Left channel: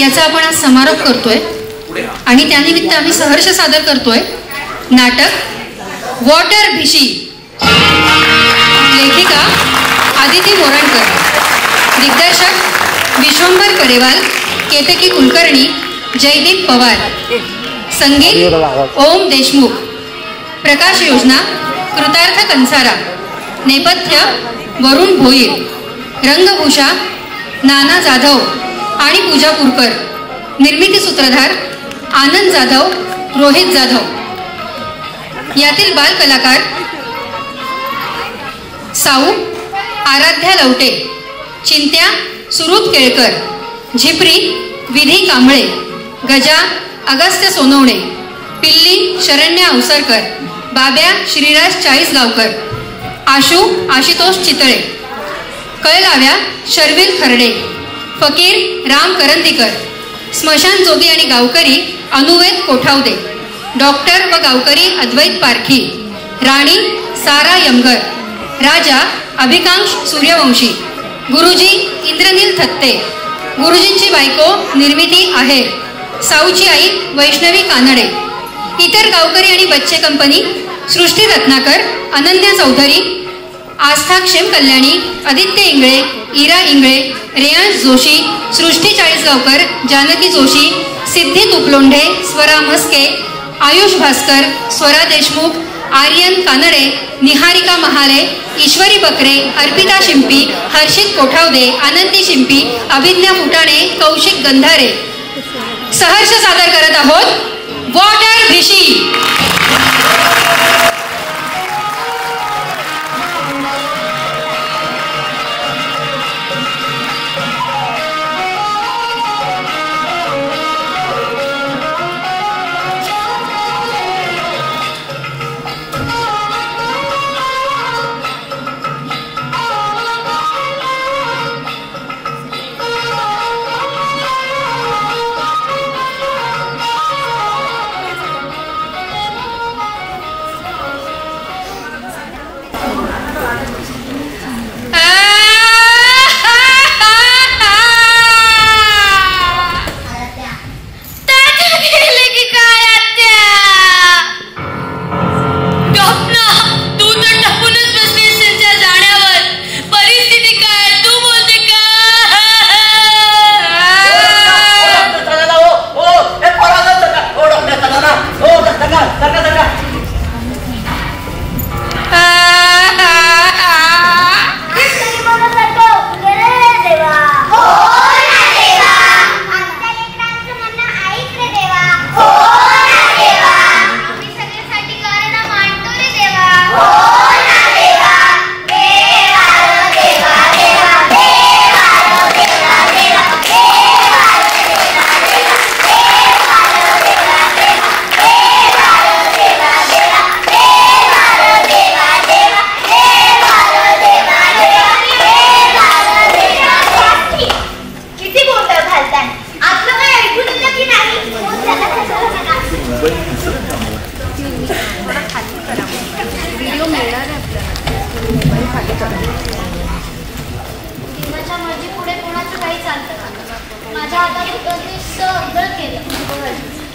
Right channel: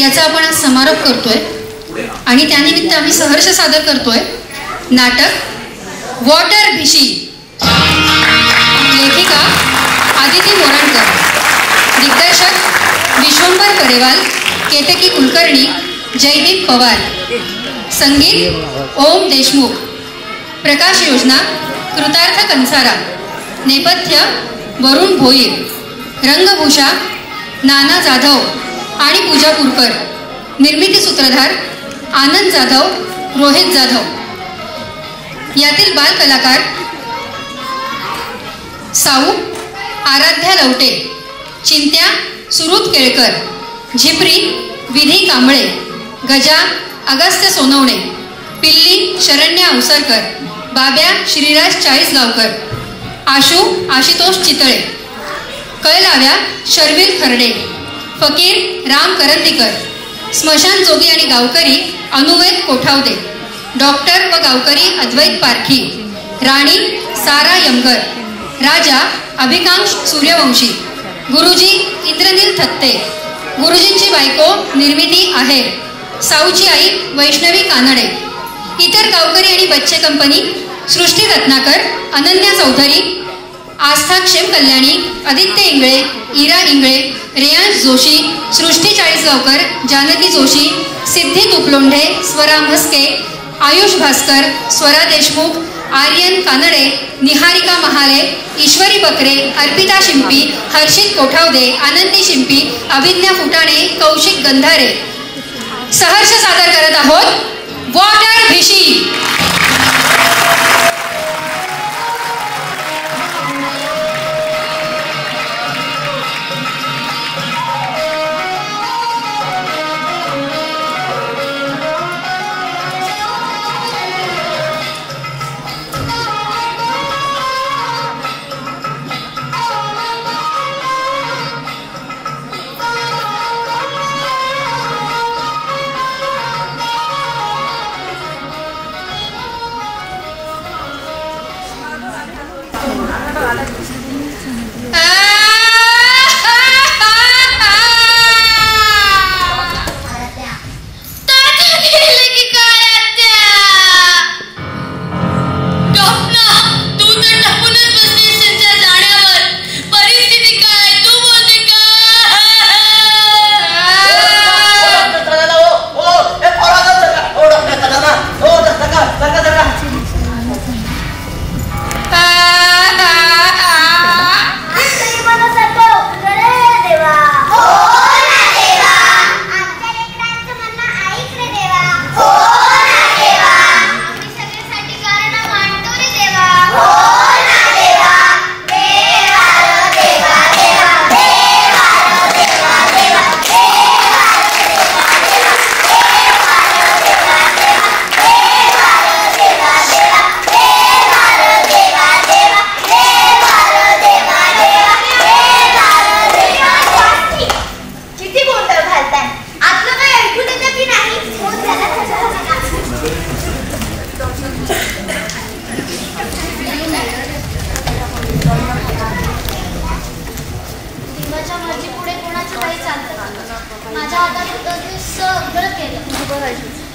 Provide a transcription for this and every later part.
याचा आपण आज समारोप करतोय आणि त्यानिमित्त आम्ही सहर्ष सादर करतोय नाटक वॉटर भिशी. लेखिका आदिती मोरणकर, दिग्दर्शक विश्वंभर करेवाल, केतकी कुलकर्णी, जयदीप पवार, संगीत ओम देशमुख, प्रकाश योजना कृतार्थ कंसारा, नेपथ्य वरुण भोईर, रंगभूषा नाना जाधव आणि पूजा पुरकर, निर्मिती सूत्रधार आनंद जाधव, रोहित जाधव. यातील बाल कलाकार साऊ आराध्या लवटे, चिंत्या सुरुत केळकर, झिपरी विधी कांबळे, गजा अगस्त्य सोनवणे, पिल्ली शरण्या अवसरकर, बाब्या श्रीराज चाळीसगावकर, आशू आशुतोष चितळे, कळलाव्या शर्विल खर्डे, फकीर राम करंदीकर, स्मशान जोगी आणि गावकरी अनुवेद कोठावदे, डॉक्टर व गावकरी अद्वैत पारखी, राणी सारा यमगर, राजा अभिकांश सूर्यवंशी, गुरुजी इंद्रनील थत्ते, गुरुजींची बायको निर्मिती आहे, साऊची आई वैष्णवी कानडे, इतर गावकरी आणि बच्चे कंपनी सृष्टी रत्नाकर, अनन्या चौधरी, आस्था क्षेम कल्याणी, आदित्य इंगळे, इरा इंगळे, रेयांश जोशी, सृष्टी चाळीसगावकर, जानकी जोशी, सिद्धी तुपलोंढे, स्वरा म्हस्के, आयुष भास्कर, स्वरा देशमुख, आर्यन कानडे, निहारिका महाले, ईश्वरी बकरे, अर्पिता शिंपी, हर्षित कोठावदे, आनंदी शिंपी, अभिज्ञा फुटाणे, कौशिक गंधारे. सहर्ष सादर करत आहोत वॉटर भिशी.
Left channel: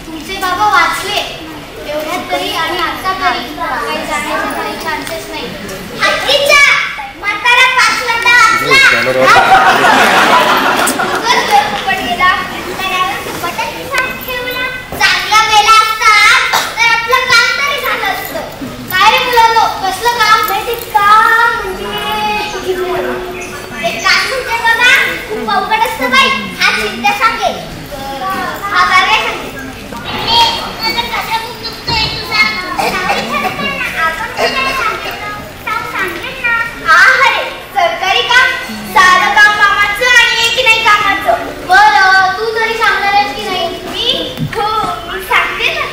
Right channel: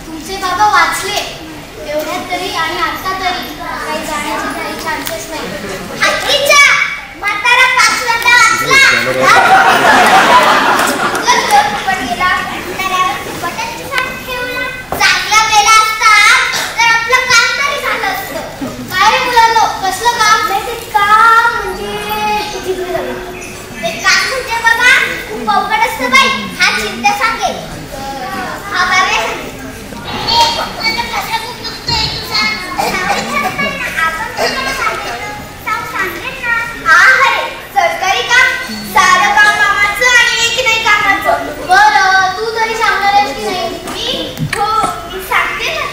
तुमचे बाबा वाचले एवढ्यात तरी आणि आता तरी काही जाण्याचे काही चान्सेस नाही. हत्तीचा म्हातारा पाचवंदा वाचला पण गेला म्हाताऱ्यावर फुकटच साथ ठेवला. चांगला मेला असता तर आपलं काम तरी झालं असतं. काय रे मुलांनो, कसलं काम? नाही ते काम म्हणजे ते काम म्हणजे बाबा खूप अवघड असतं बाई. हा चिंता सांगे हा बरे सरकारी काम सारं काम कामाचं आणि एक नाही कामाचं. बरं तू तरी सांगणार आहेस की नाही? मी हो मी सांगते ना.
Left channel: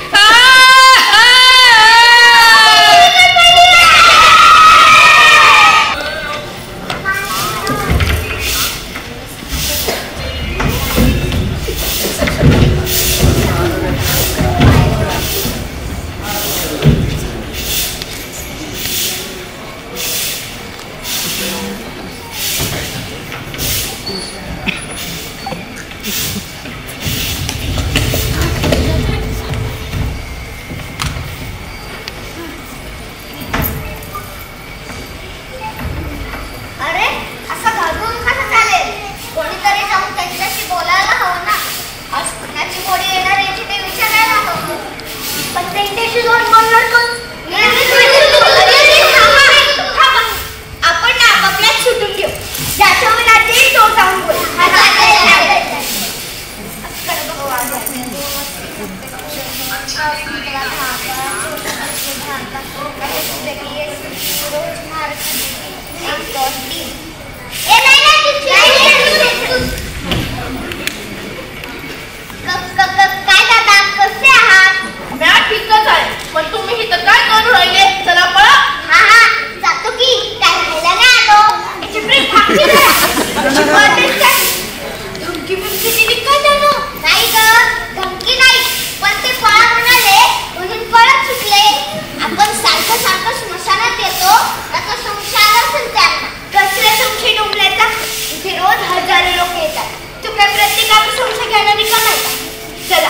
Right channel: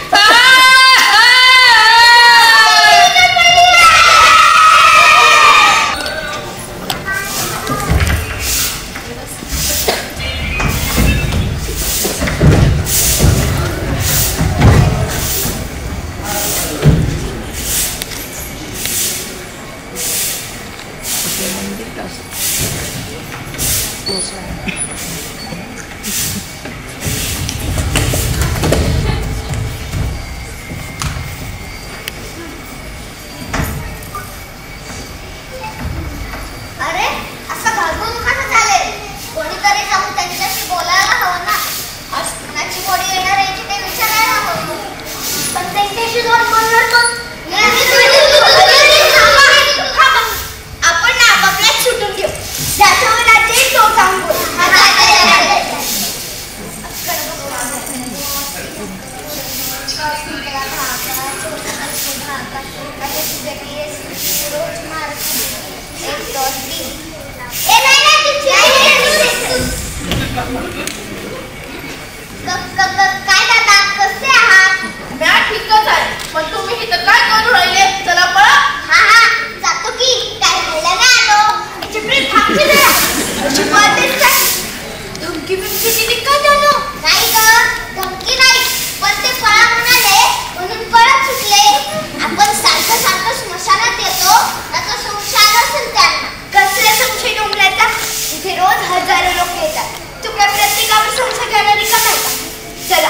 चला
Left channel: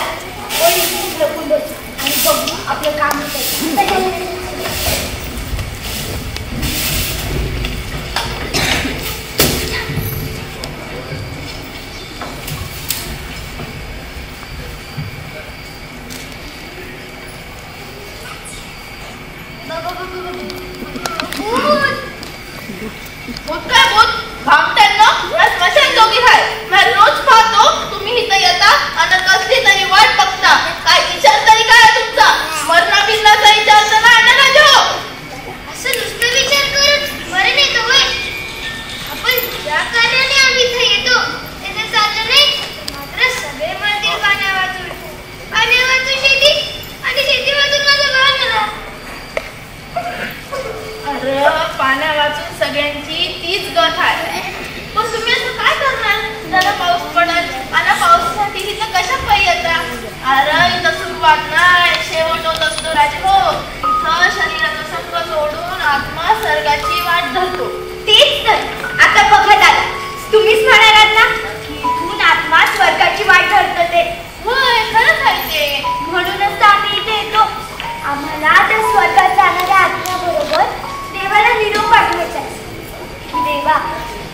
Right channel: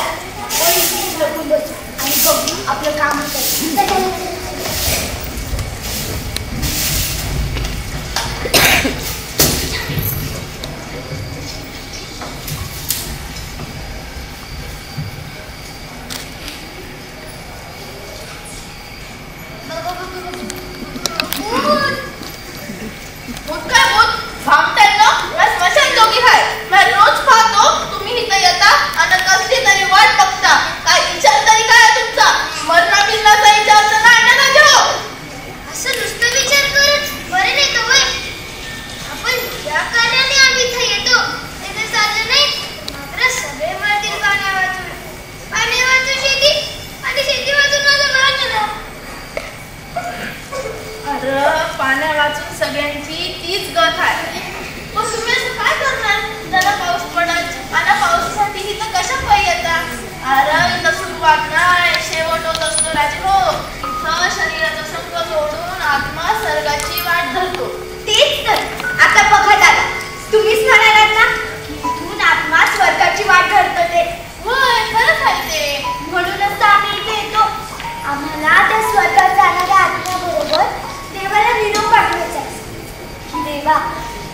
आणि बघू आपलं काम होतं.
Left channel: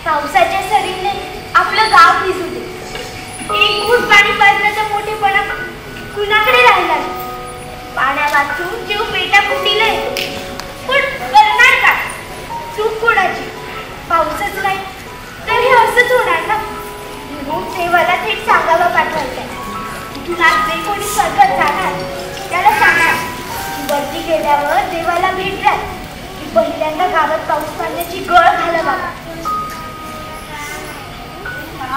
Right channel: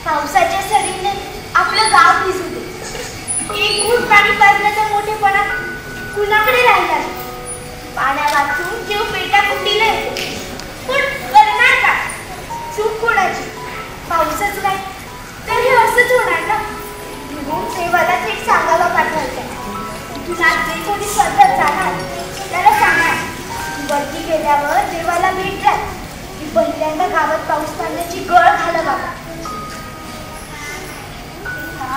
पावसाच्या सरीने आपलं गाव भिजू दे. एक घूट पाणी पाजण्याचा मोठेपणा कुणाकडे राहिला. पाण्या वाचून जीव पेटा कुंडीला येतो. पण करणार का? चूक कोणाची? पाऊसच नाही तर हे असंच होणार ना. म्हणून देवाला थेट सांगावं पाठवायचं. तिथून आज जे कोणी स्वर्गात जाणार त्याला सांगा वरती गेल्यावर देवाला भेट द्या की पहिल्यांदा गावात पाऊस पडण्याची गळ घाला बाबा.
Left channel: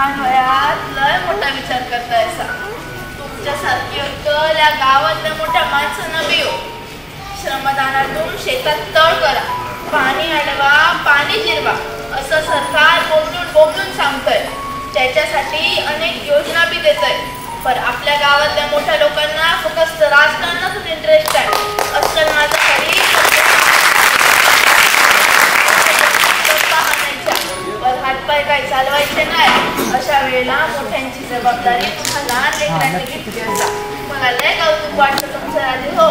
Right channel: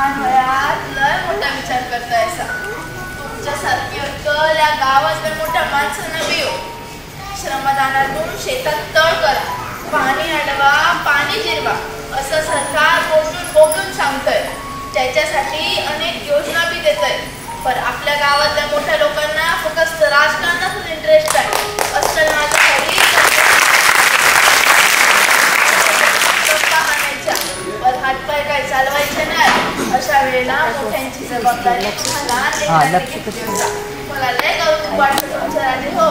लय मोठा विचार करतायसा. तुमच्यासारखी अक्कल या गावातल्या मोठ्या माणसांना बी हो. श्रमदानातून शेतात तळ करा, पाणी अडवा, पाणी जिरवा असं सरकार बोबलून सांगतंय. त्याच्यासाठी अनेक योजना बी देतंय. पण आपल्या गावातल्या मोठ्या लोकांना फक्त राजकारणातच इंटरेस्ट आहे. असं माझं खरी पण हातपाय काय चालवायचे नाही. अशा वेळेला मोठ्यांची जबाबदारी मला लय कौतुक वाटतं तुमचं राजे हो.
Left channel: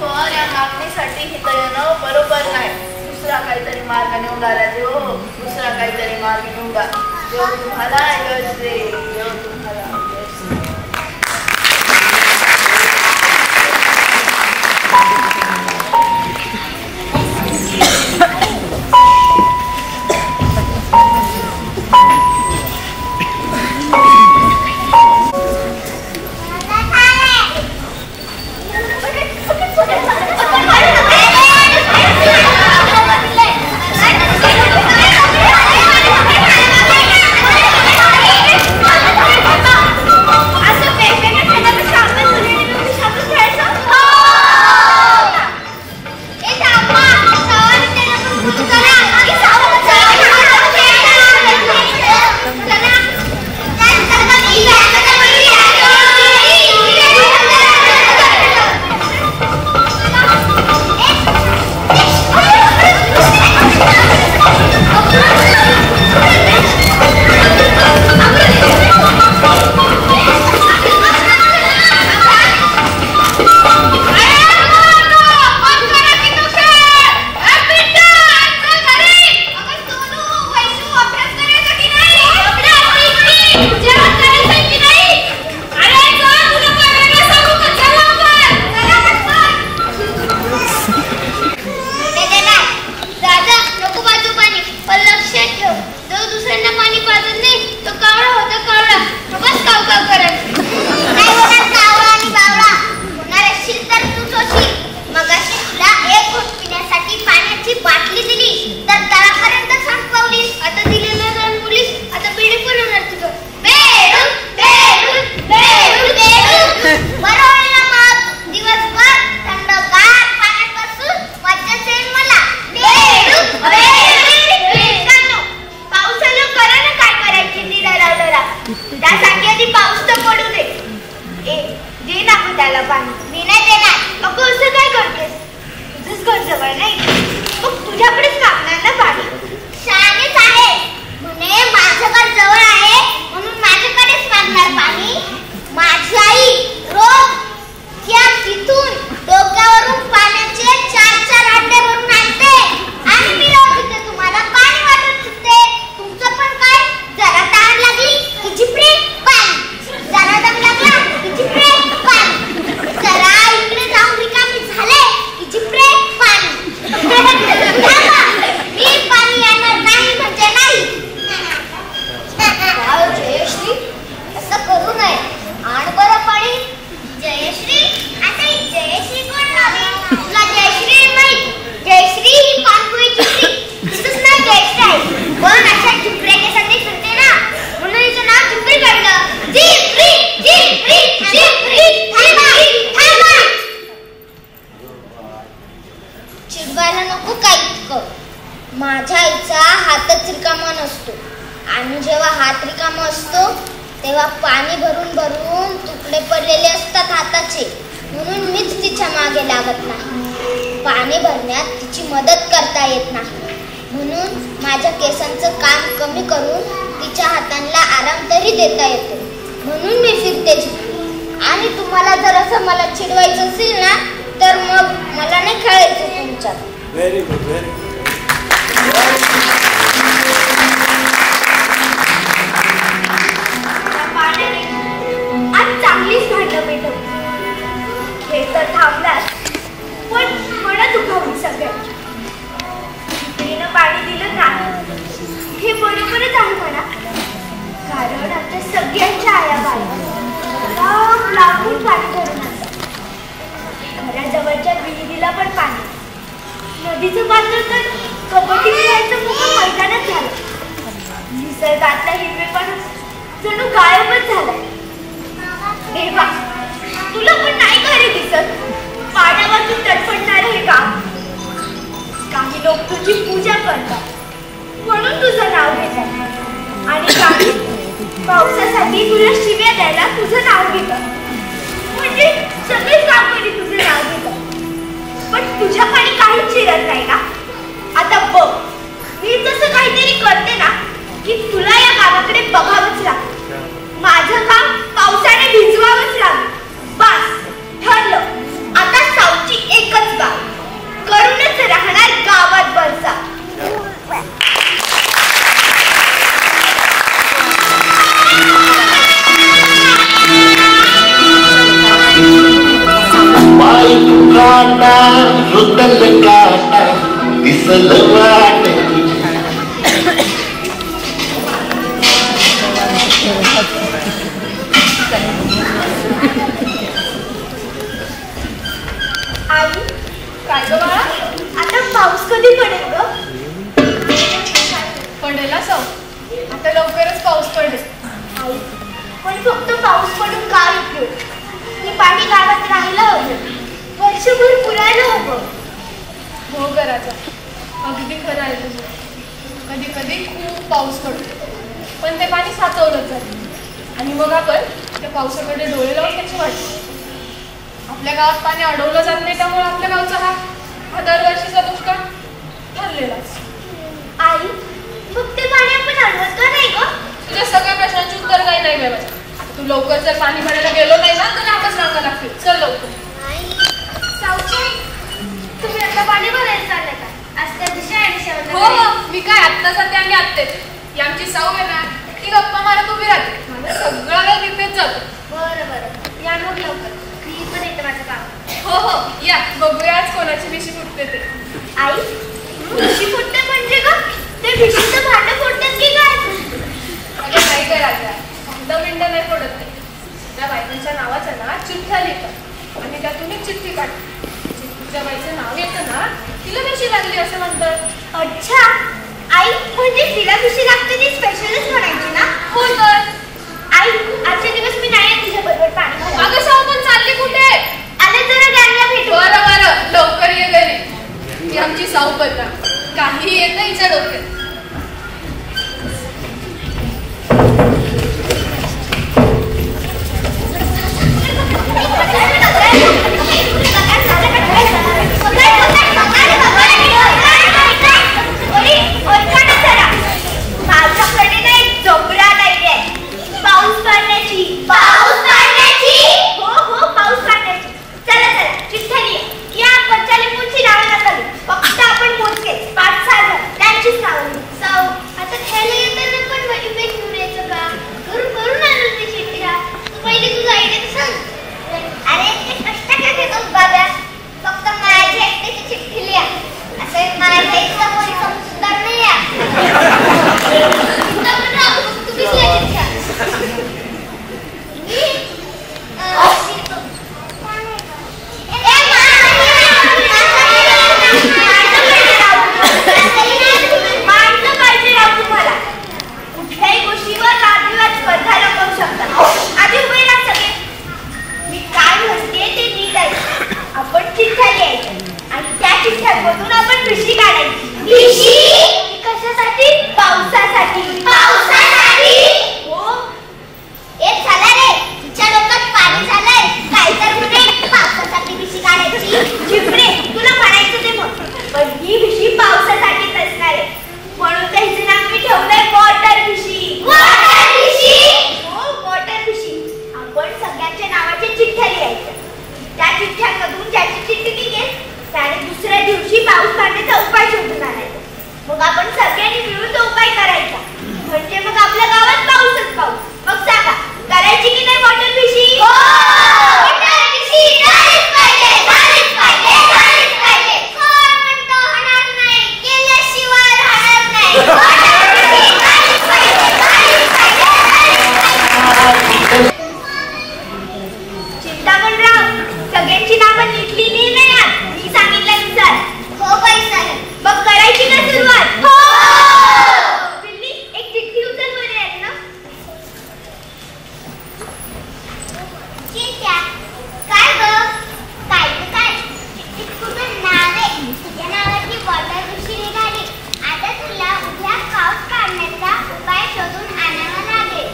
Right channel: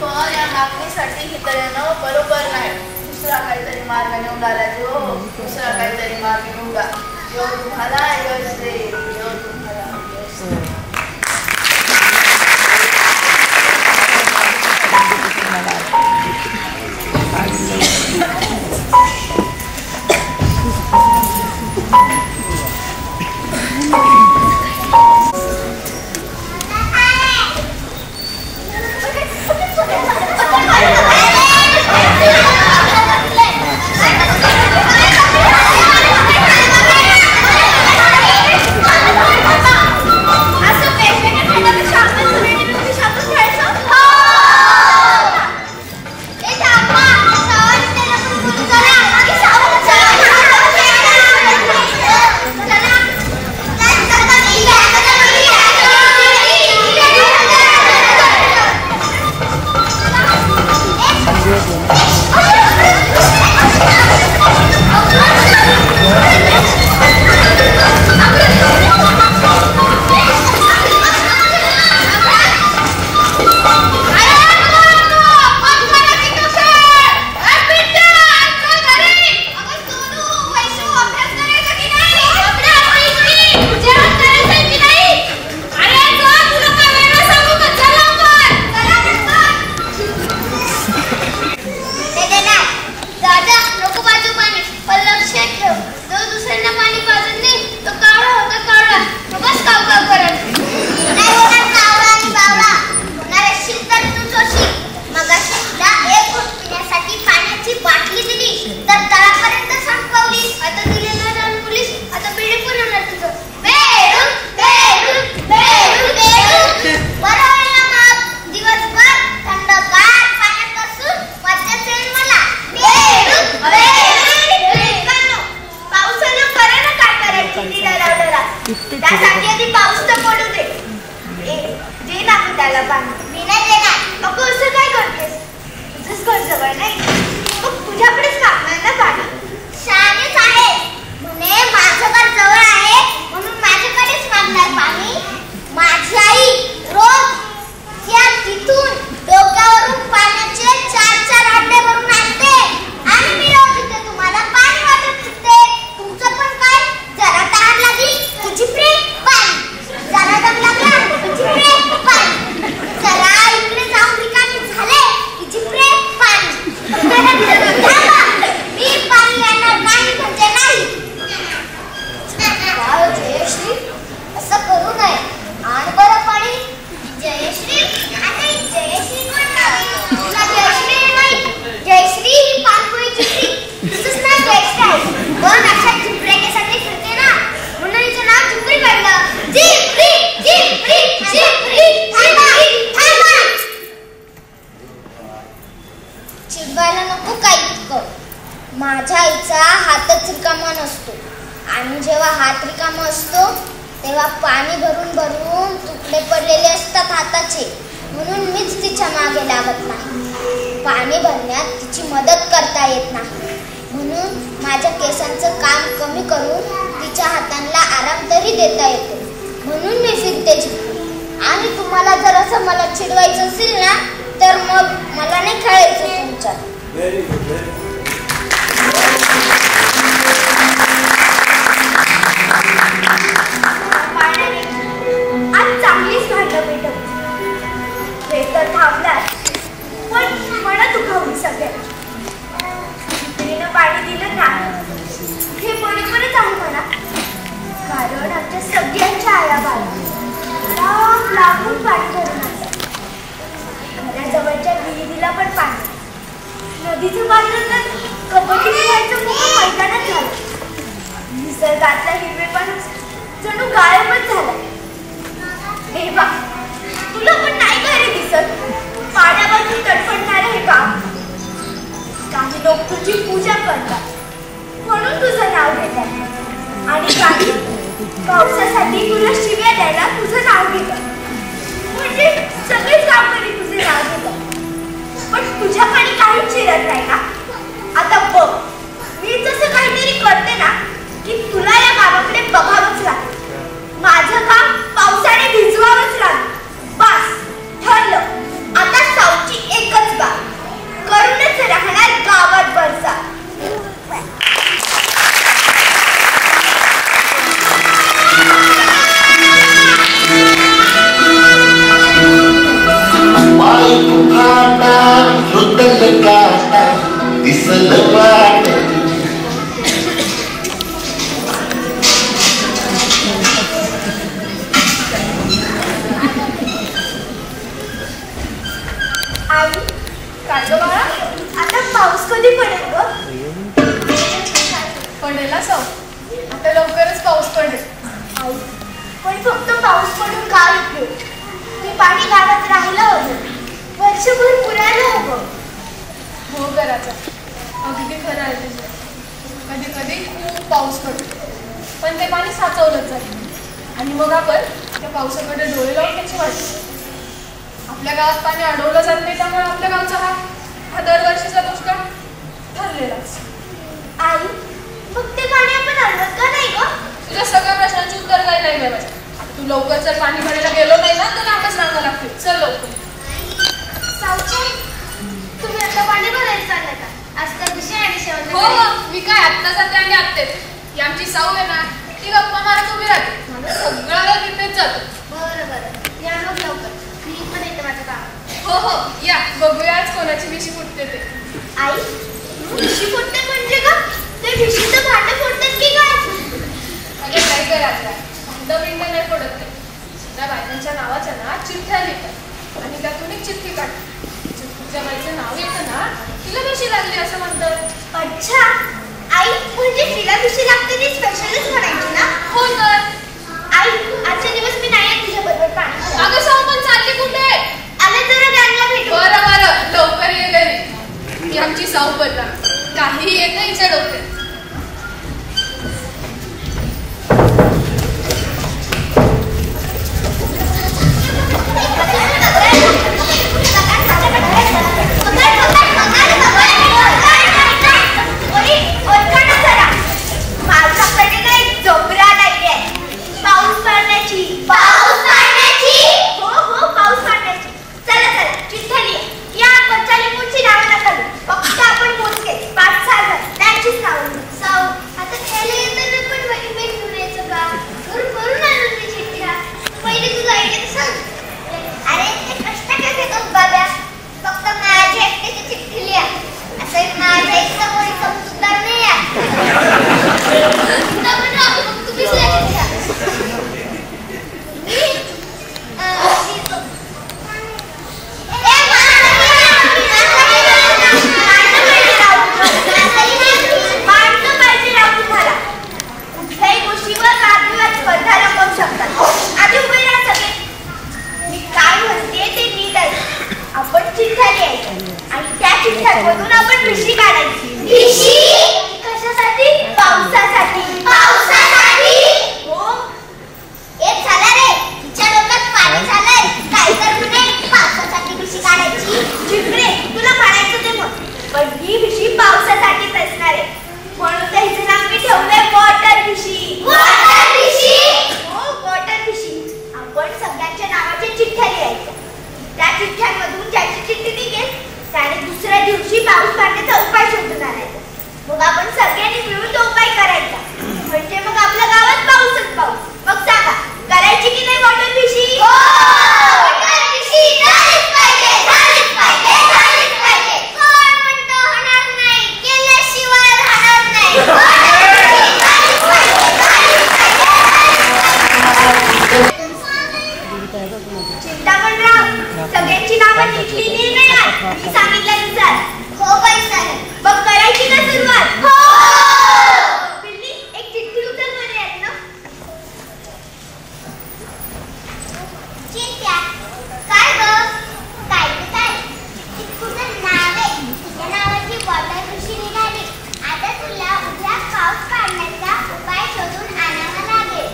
पण या मागणीसाठी हित येणं बरोबर नाही. दुसरा काहीतरी मार्ग निवडा राजे हो. दुसरा काहीतरी मार्ग निवडा. देव तुम्हाला यश दे. देव तुम्हाला यश दे. रिकामा असतो तेव्हा पाणी भरून भरून तुकडे पडलेले असतात हाताचे, म्हणून मीच तिच्या मागे लागत नाही. पाणी भरण्यात तिची मदत करता येत नाही, म्हणून माझ्या केसांचं काम कमी करून तिच्या हातांना आराम तरी देता येतो, म्हणून मी फिरते झिपरी. आणि तुम्हाला जर असं मला चिडवायचं असेल ना तर मग मला नाही खेळायचं तुमच्यात. Very good, very good. आज चांगलीच भांडण पेटवली. हे तर थांबणार पण मला दुखावली सगळ्यात. तिनं पाणी दिलं नाही हे बरोबरच आहे म्हणा, कारण आमच्या सगळ्यांच्या आया बाळा लागून पाणी भरून आणतात. घराजवळच्या विहिरीला पण पाणी, नदीचं पात्र तर कबड्डी खेळायचं मोठं मैदानच झालं. निसर्गातला हिरवेपण जणू गायबच झालाय. देवा, तुला पण नाही घरी दिसत पाण्यावरती तडफडणारं हे काम. काही लोक तुझी पूजा करतात म्हणून तुझं नाव घेतात, आणि काही पावसासाठी तुला शिव्या द्यायला तुझं नाव घेतात. म्हणजे सगळेच गावकरी तुझं नाव घेतात, पण तुझ्याकडे काहीच शिरत नाही का? आता बघ, मी जसं काहीतरी करते ना की तुला या गावाकडे बघावंच लागतं. माझं काम पावसाने भिजवावंच लागलं. बस ठरलं, आता सावची एकच गाव करूनच राहणार गावात बरसा. आई, काय ग बाळा, आता पाऊस कधी पडेल ग? पडेल असं, आता लवकरच पाऊस पडेल. आई, पण फक्त पाऊस पडून काय उपयोग? ते पाणी गावात राहिलं हवं, वर्षभर पुरायला हवं. हो करायचा, अगदी खरं आहे तुझं. कधी कधी खूप पाऊस पडतो पण ते पाणी साचवलंच जातं, आणि मग आपण त्या पावसाकडे डोळे लावून त्याची वाटतो. आपल्या गावात पाणी अडवलं जात नाही, त्यामुळे आपल्या गावचा हा दरवर्षीचा दुष्काळ ठरलेलाच. आई, मग ते पाणी आपण अडवत का नाही ग? तुझ्या सगळ्या प्रश्नांची उत्तर काही नाही मिळवायचं. आता तू लवकर जर पाणी भरायला गेलो नाही ना तर आताच रांगा लागतील. चल लवकर. तुम्ही आता पाणी भरायला चाललंय का? आज तर दुसऱ्या आणि शेवट. हो, मी काय आत्ता जाते आणि आत्तेच. यांची साऊ आहे ना, ती गप्पा मारत उभी राहते. माझं सगळं वेळ निघत जातो. बरं बरं, या मग लवकर. मी इथून येते माझं काम. हो हो, या बघूया आज कोणाची भिशी फुटते ते. आई, भिशी फुटते म्हणजे का? ते भिशीचं भांडं फुटतात की काय? अगं काय करायचं, भांडं बिंडं नाही पडत ते. त्या बायकांच्या नावाचं ना चिठ्ठ्या लिहितात आणि त्यातून एक चिठ्ठी काढतात. चिठ्ठीच्या बाईचं नाव येतं ना, तिला भिशी लागली असं म्हणतात. अच्छा, आई म्हणजे तिला भिशी लागते ती स्पेशलच म्हणायची ना? हो तर. आई, आजचे दिवस मी नाही येत तुझ्या बरोबर पाणी भरायला. अगं शाहू, पण चालली कुठे? आले जरा गँगला भेटू. बरं बरं, लवकर ये घरी. ती आमची साऊ बदला, काहीही येत नाही हिच्या डोक्यात. माझ्याकडे नाही जोबराट आयडिया आहे. पाऊस पाडण्याची. पाऊस पाडण्याची? हो हो, पाऊस पाडण्याची. चला चला, चिठ्ठ्या लिहा. या बच्चाली कोणची नावं नका लिहू. फक्त आपण मोजके 5-6 जण त्यांचीच नावं लिहू. साऊ, आता खेळायला येताना पण वेगवेगळं घेऊन यायचं का? करून आणून मी चिठ्ठ्या. पहिले तुझं आयडिया सांग. अरे ते कष्ट काय घेतोस बाबा? फक्त माझ्या एकट्याची चिठ्ठी लिहा. असं माझ्या इतका कोणी समजूतदार नाही आहे. तुम्हीच लिहा चिठ्ठ्या. कुठल्याही गोष्टीवर वादविवाद स्पर्धा रंगवू शकतात. आधी उभे राहा सगळे. मी काय म्हणते ते नीट आहे. आपण चिठ्ठ्या लिहायच्या आणि त्या चिठ्ठ्यांमधून आपण भिशी काढायची. भिशी कशासाठी? पावसासाठी. पावसासाठी चिठ्ठ्यांमधून ज्याची चिठ्ठी निघेल त्याने दुसऱ्या दिवशी पाऊस पाडण्याचा उपाय शोधून आणायचा. मग आपण सगळ्यांनी मिळून तो उपाय करायचा. म्हणजे मग आपल्या गावात पाऊसच पाऊस. मग सांगा, करायची की नाही वॉटर फिशिंग? वॉटर फिशिंग झालीच पाहिजे, झालीच पाहिजे, झालीच पाहिजे. कोण म्हणतो होणार नाही, केल्याशिवाय राहणार नाही. वॉटर फिशिंग झालीच पाहिजे, झालीच पाहिजे. चिंतामणराव, सगळ्यांची नावं नीटली लिहिणार मी सांगितल्यानुसार. हो बाई साहेब. मग करायची का सुरुवात? हो. पिल्ली, एक चिठ्ठी उचल बरे आहे ना. चिंट्या, काय ग? काय चिठ्ठीत तुझं नाव आहे. तुझ्या नावाची वॉटर फिशिंग निघाली. आता तुला उद्या पाऊस पाडण्याचा उपाय शोधून आणावा लागेल.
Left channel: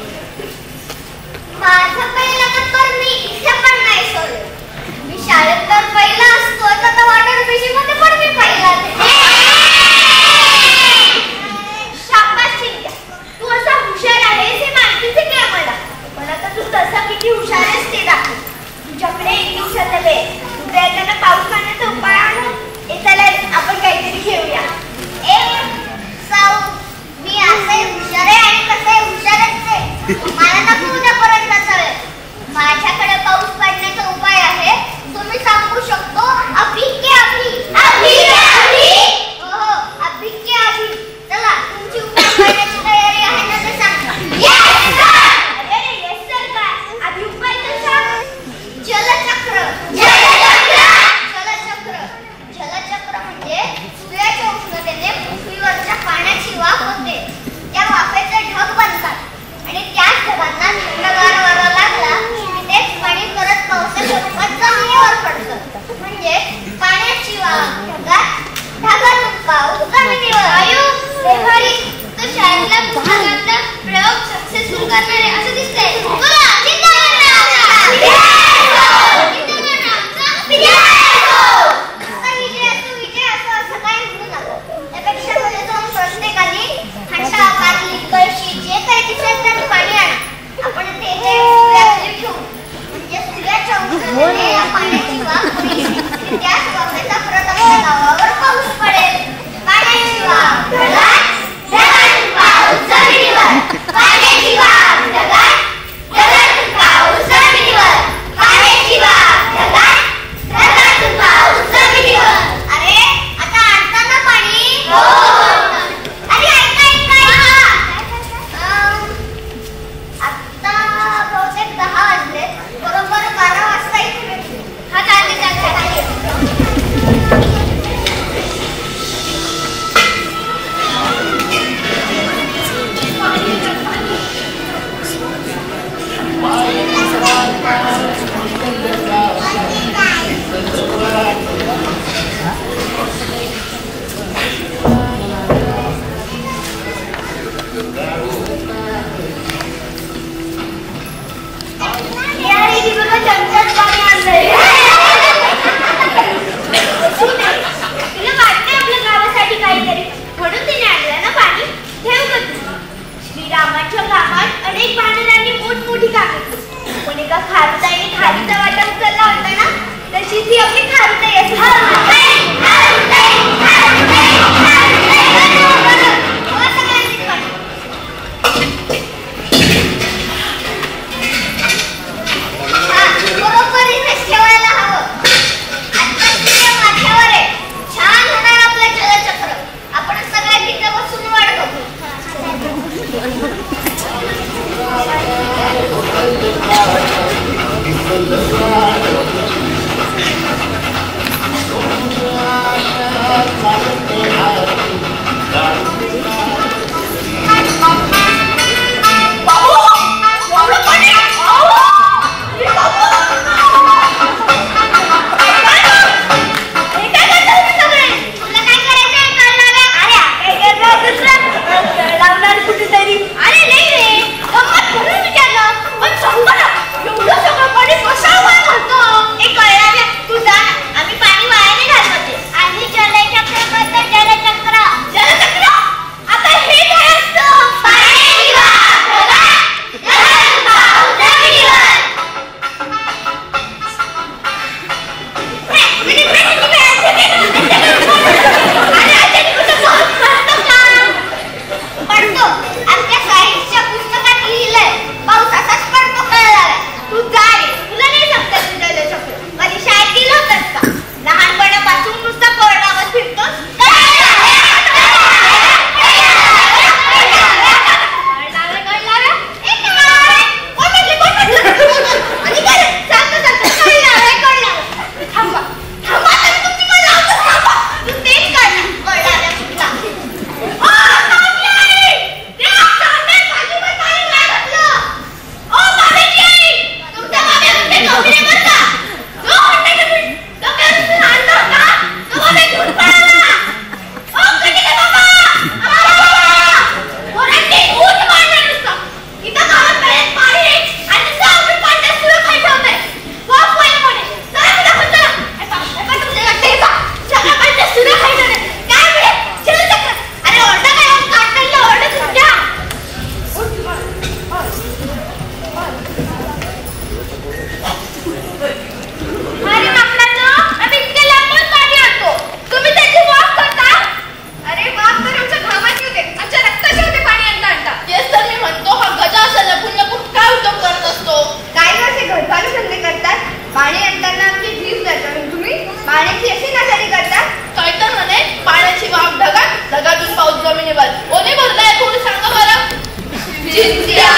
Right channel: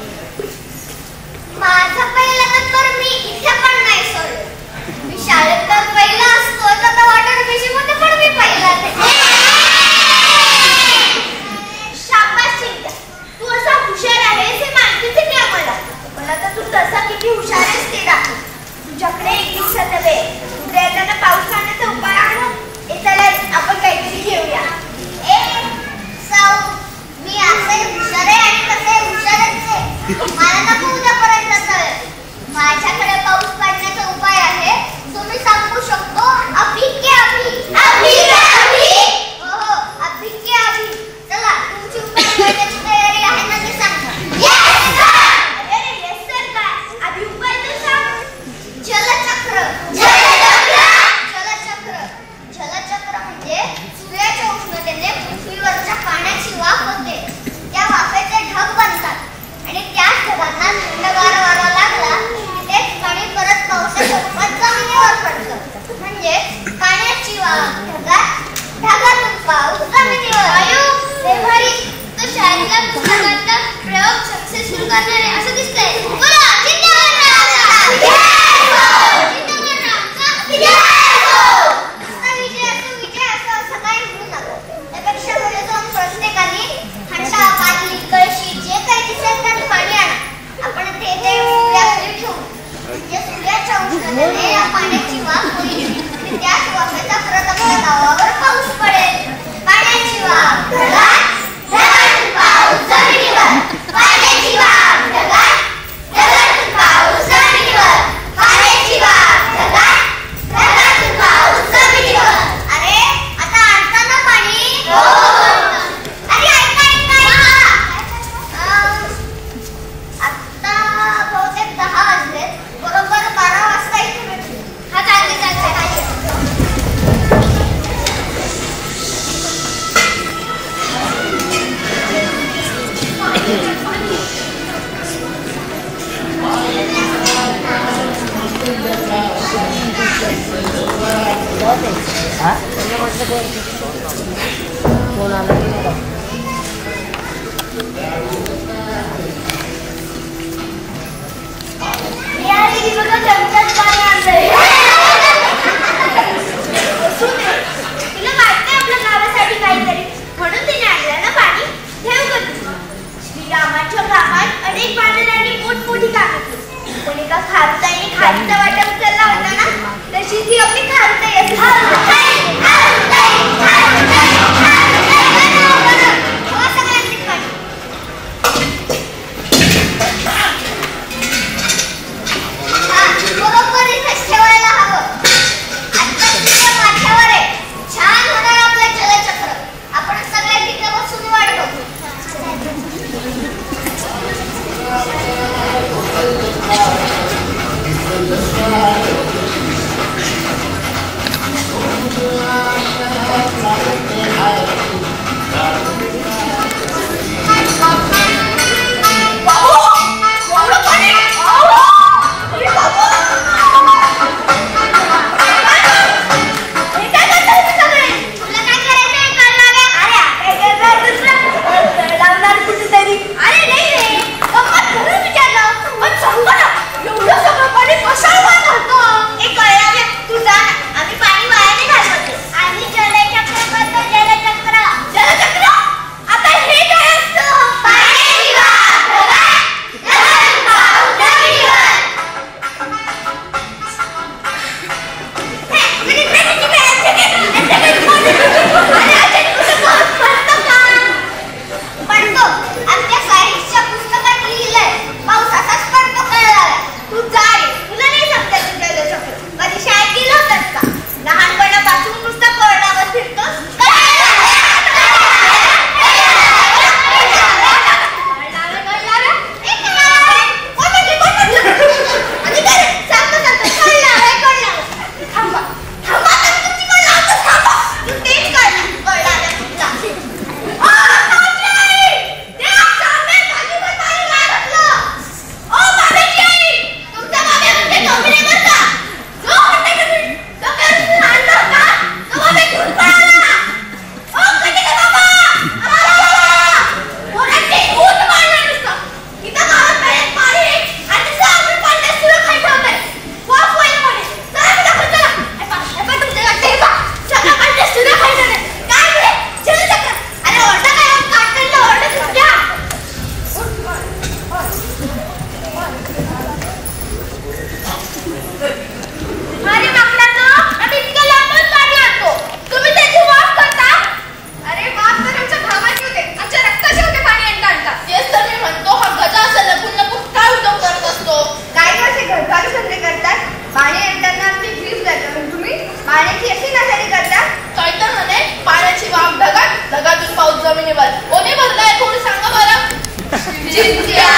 माझा पहिला नंबर मी इथे पण नाही सोडलो. मी शाळेत तर पहिला असतो, तर वॉटर फिशिंग मध्ये पण मी पहिलाच आहे. शाबास चिंट्या, तू असा हुशार आहेस हे माहितीच आहे की आम्हाला. पण आता तू तसा किती हुशार आहेस ते दाखव. तुझ्याकडे एक दिवसाचा वेळ. उद्या येताना पाऊस पाण्याचा उपाय आणू. चला आपण काहीतरी घेऊया. मी असे हुशार आहे आणि कसे हुशारच आहे. मला नको उद्यापर्यंतचा वेळ. माझ्याकडे पाऊस पाडण्याचा उपाय आहे, तो मी सांगू शकतो. अभी के अभी, अभी के अभी. हो, अभी के अभी. चला, तुमची उपाय पाडण्याची तयारी आहे ना ते सांगा. Yes sir. अरे येस सर काय? आधी उपाय तर सांग. जलचक्र. जलचक्र. जलचक्र. जलचक्र म्हणजे सूर्याच्या उष्णतेने पृथ्वीवरच्या पाण्याची वाफ होते. त्या वाफेचे ढग बनतात आणि त्याच ढगांना थंडगार वारा लागला की ते पाणी परत पावसाच्या रूपात जमिनीवर पडतं. म्हणजे पाण्याची वाफ ढगात, ढगातून पाऊस जमिनीवर. व्यवहारिक तो शाळेतला पुस्तकातला प्रयोग सक्सेसफुल करणारे असं दिसतंय. बोला चिंतामणराव. विजय असं काही म्हणू नका. त्यापेक्षा घरी जाऊन प्रत्येकाने हंडा, बादली, कळशी जे काही दिसेल त्यात पाणी आणा. आपण ते सूर्याखाली ठेवू. म्हणजे सूर्याच्या उष्णतेने या पाण्याची वाफ होईल आणि त्याच वाफेचा परत आपल्या गावावर पाऊस पडेल. पाण्याची वाफ ढगात, ढगातून पाऊस जमिनीवर. पाण्याची वाफ ढगात, ढगातून पाऊस जमिनीवर. पाण्याची वाफ ढगात, ढगातून पाऊस जमिनीवर. अरे आता आणता ना पाणी? हो. अरे ऐका ऐका ऐका. आता बहुतेक 10 वाजले. बरोबर 12 वाजता इथे भेटू. हा चालते चालते. तिला वाटतंय आपल्या गावासाठी काहीतरी, म्हणून तिने आणलं ना पाणी. ठेव ग तू. श्रीरामाच्या कामात अनेक वानरांनी मोठमोठी कामे केली. पण एका खारुताईने खारीचा वाटा उचलला होता ना, तशीच ही आपली खारुताई असते. सगळ्यांनीच पाणी. बरोबर इथेच ठेवायला हवं. आता तुझ्या माथ्यावर आहे. छान होणार आपलं जलचक्र. आपण सगळ्या तिथे बसून वाट बघू. आम्ही पाणी वाया नाही घालवते. आम्ही जलचक्र पाणी आणताना आमची जीभ जातो. तुम्ही पाण्याची अशी नासाडी करता? कळतं म्हणे पाण्याची वाफ ढगात, ढगातून पाऊस जमिनीवर. ओने भरलाय कोणी सांगा बरं. चिंत्या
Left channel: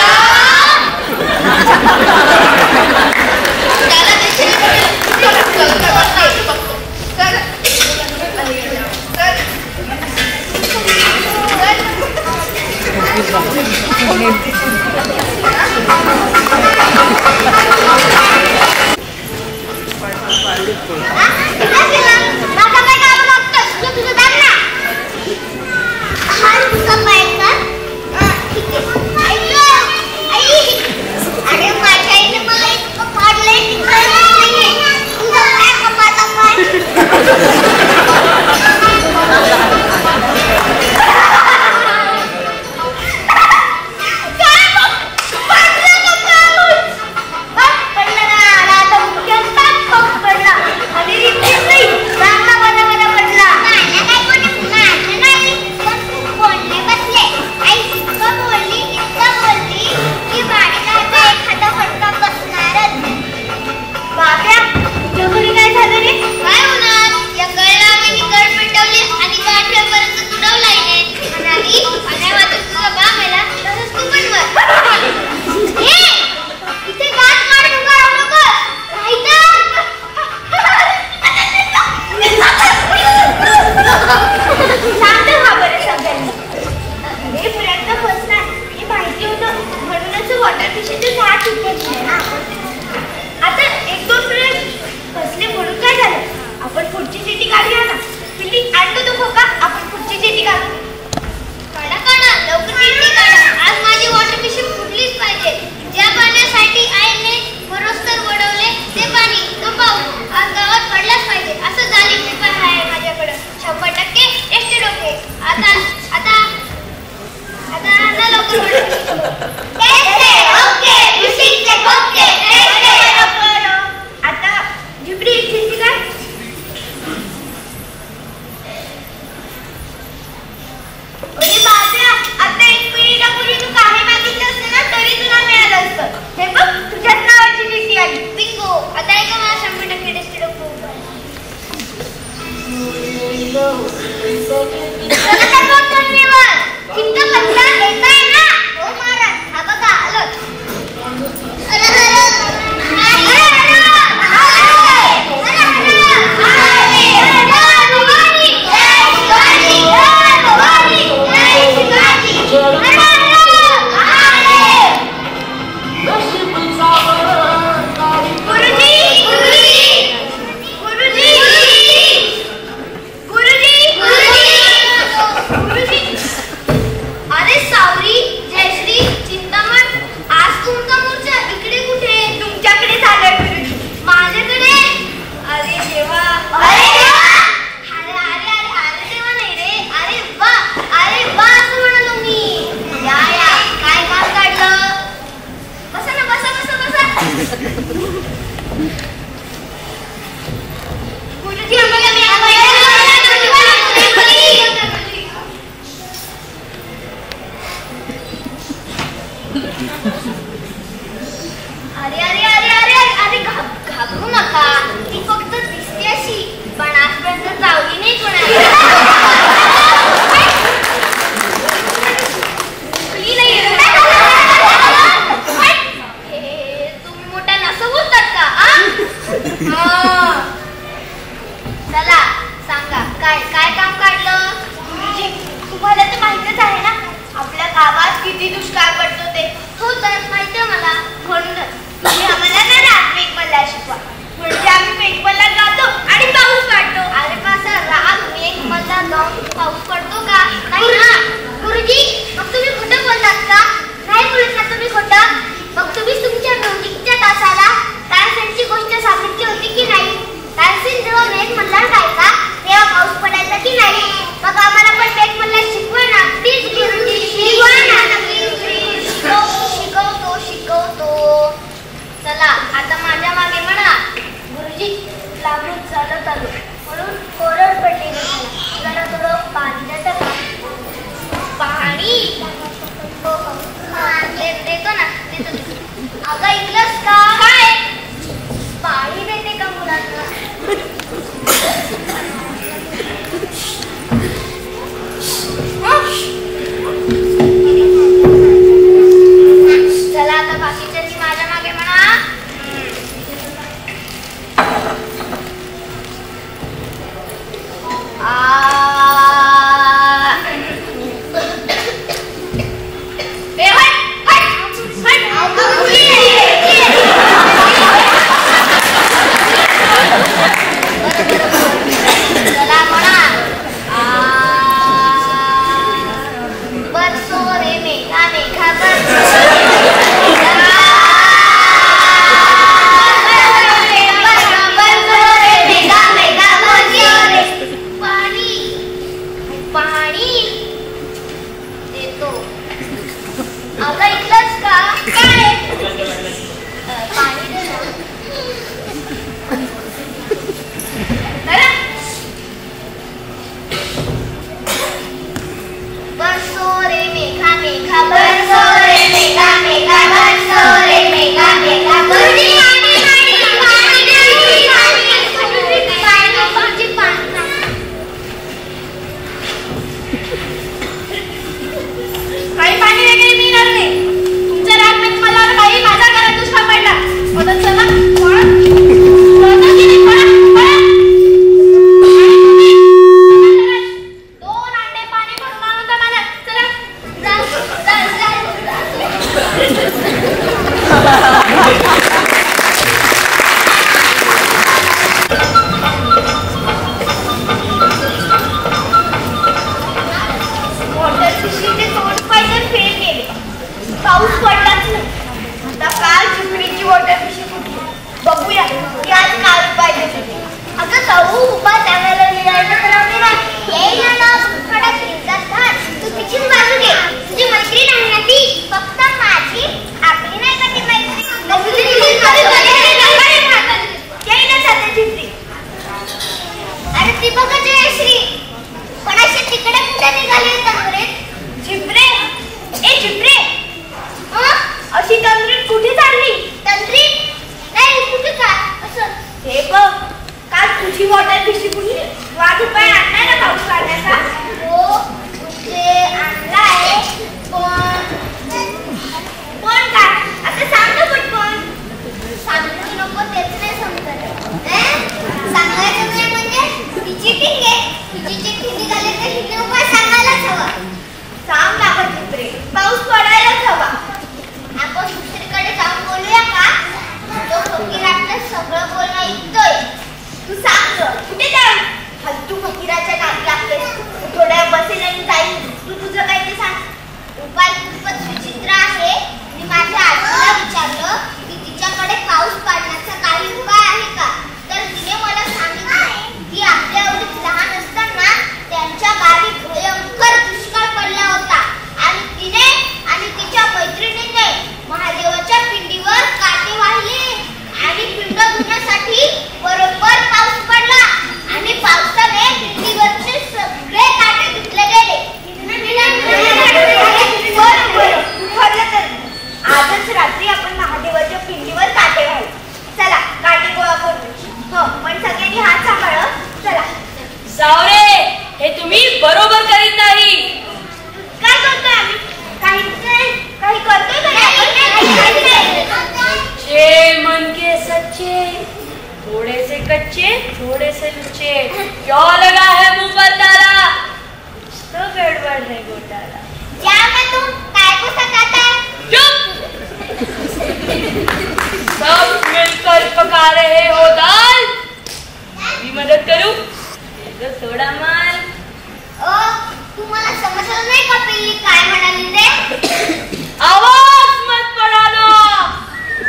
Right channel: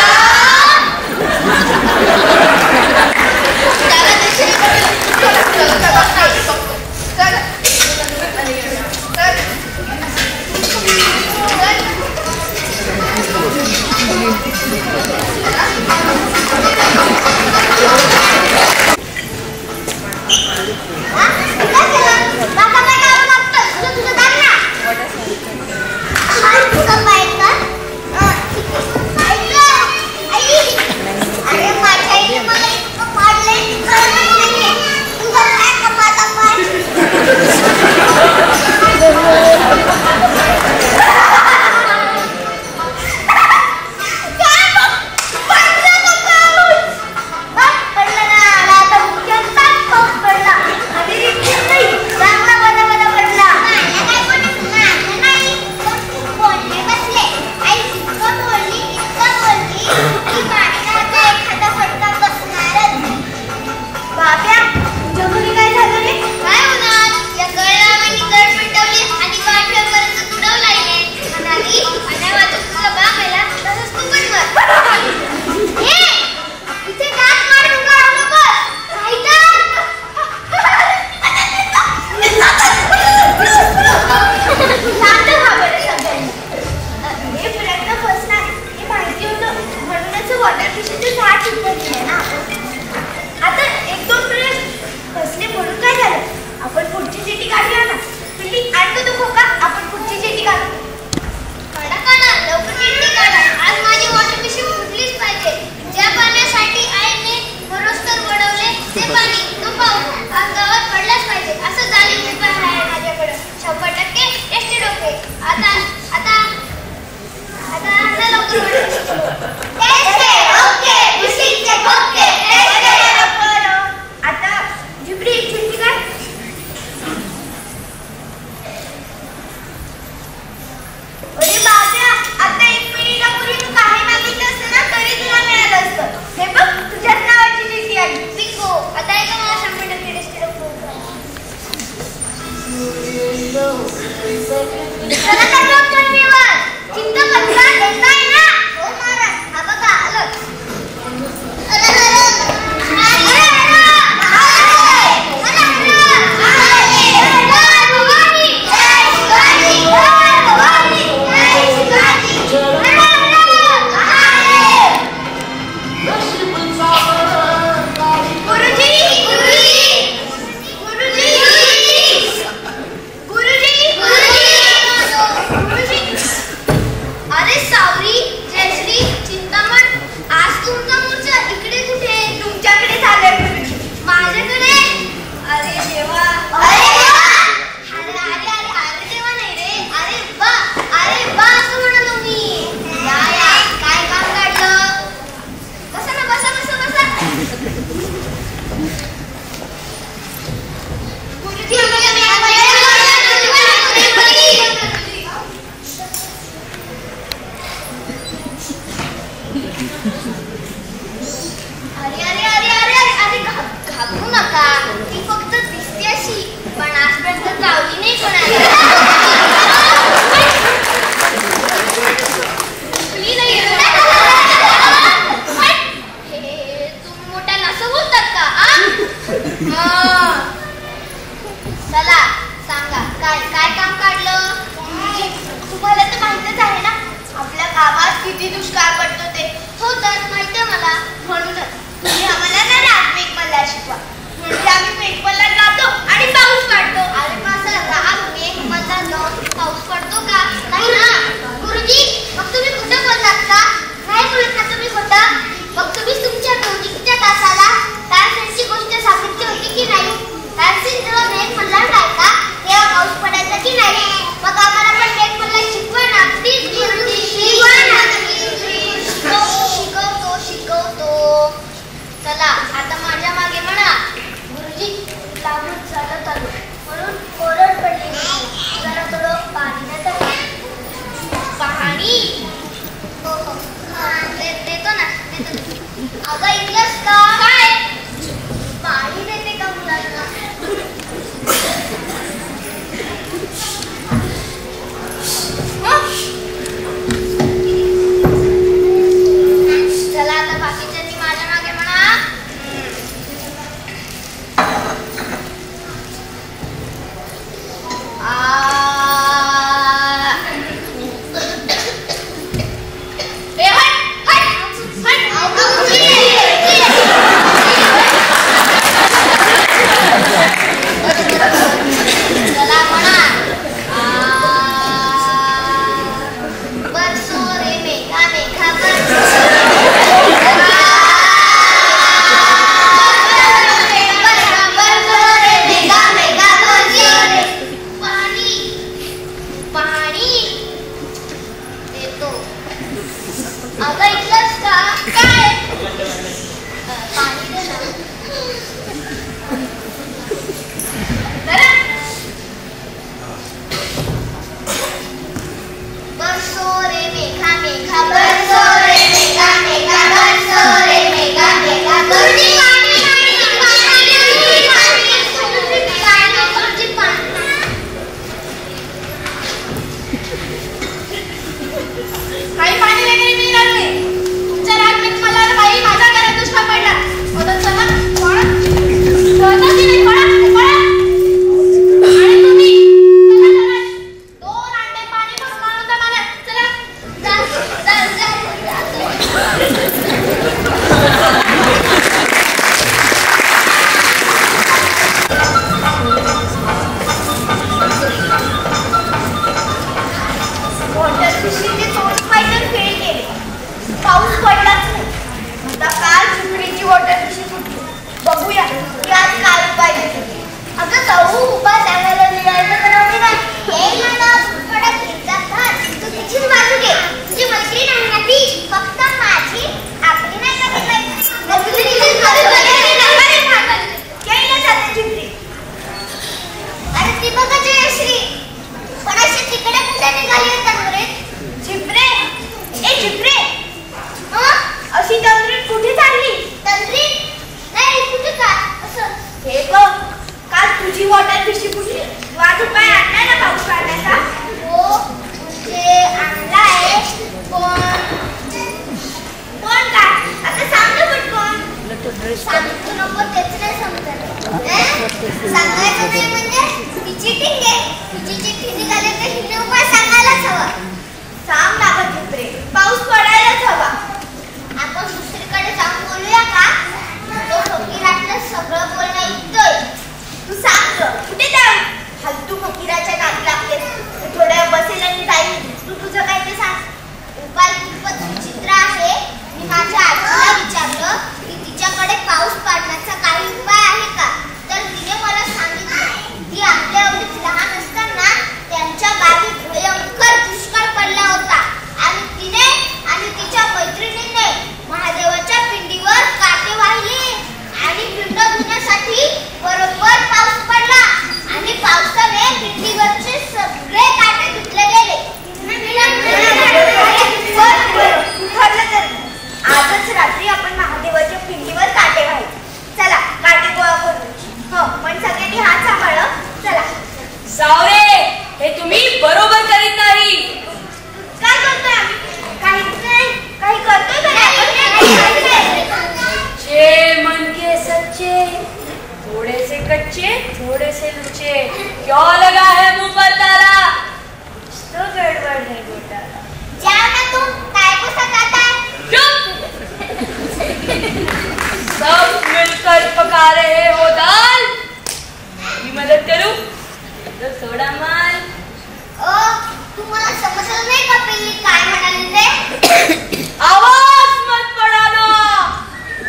किती दुष्काळ पडतो ते. हो तर माहितीये मला. म्हणूनच तुम्ही आम्हाला ना राग मला शिकवा. म्हणजे आम्ही पेटपल्ला जातो आणि पाऊस काढतो. अरे माझा राग मेघ सच्चे मन के सच्चे, थोड़े से कच्चे थोड़े से लुच्चे, क्यों लगा है मुंह पर ताला, तो गड़बड़ है घोटाला। जाओ ना तुम, काय को सताता है? सब मिलकर पका रहे हो दाल, भी मदद करूं तो थोड़ा माल। ओ, तुम्हाला समजलं नाही का पिल्ली काय म्हणाली ते? आवाज मत बढ़ाना,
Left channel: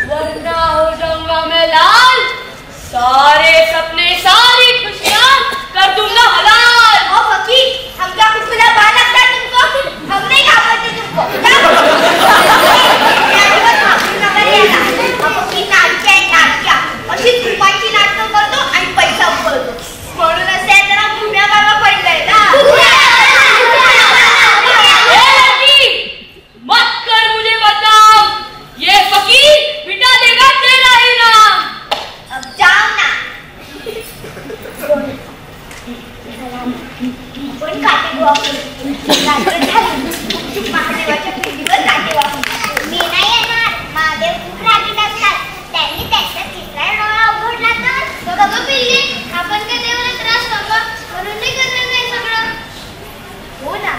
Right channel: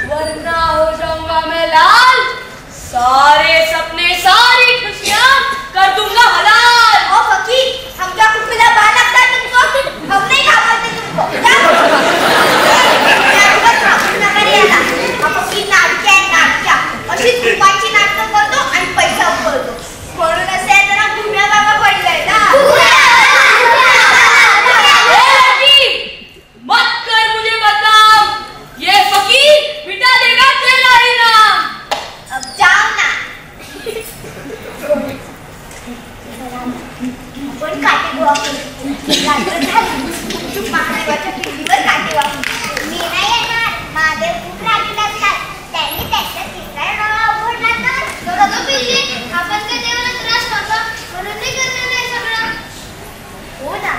वरना हो जाऊंगा मैं लाल, सारे सपने सारी खुशियां कर दूंगा हलाल। ओ फकीर, हम क्या कुकुला बाल लगता है तुमको? हम नहीं घाबरते तुमको। अशी तुपाची नाटकं करतो आणि पैसा उकळतो, म्हणून असे जरा भुम्या बाबा पडलाय ना। मत कर मुझे बदनाम, ये फकीर मिटा देगा तेरा ही नाम। अब जाओ ना। आपण काटे गोवा महादेवाच्या पिंडीवर काटे वापरू। मी नाही येणार, महादेव खूप रागीट असतात, त्यांनी त्याचा तिसरा डोळा उघडला तर अगं पिल्ली, आपण काय देवाला त्रास नका म्हणून नाही करणार नाही सगळं। हो ना,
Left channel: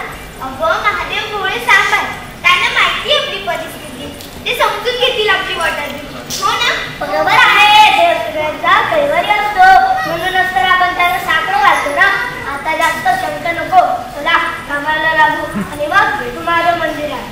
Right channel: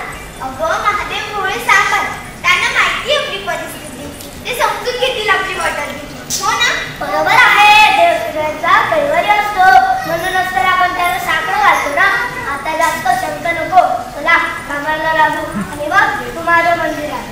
अगं महादेव भोळे सांभाळ, त्यांना माहिती आपली परिस्थिती, ते समजून घेतील आपली वाटत। हो ना, बरोबर आहे, देवसुरांचा कैवारी असतो, म्हणूनच तर आपण त्याला साकडं घालतो ना। आता जास्त शब्द नको, चला कामाला लागू आणि मग तुम्हाला मंदिरात।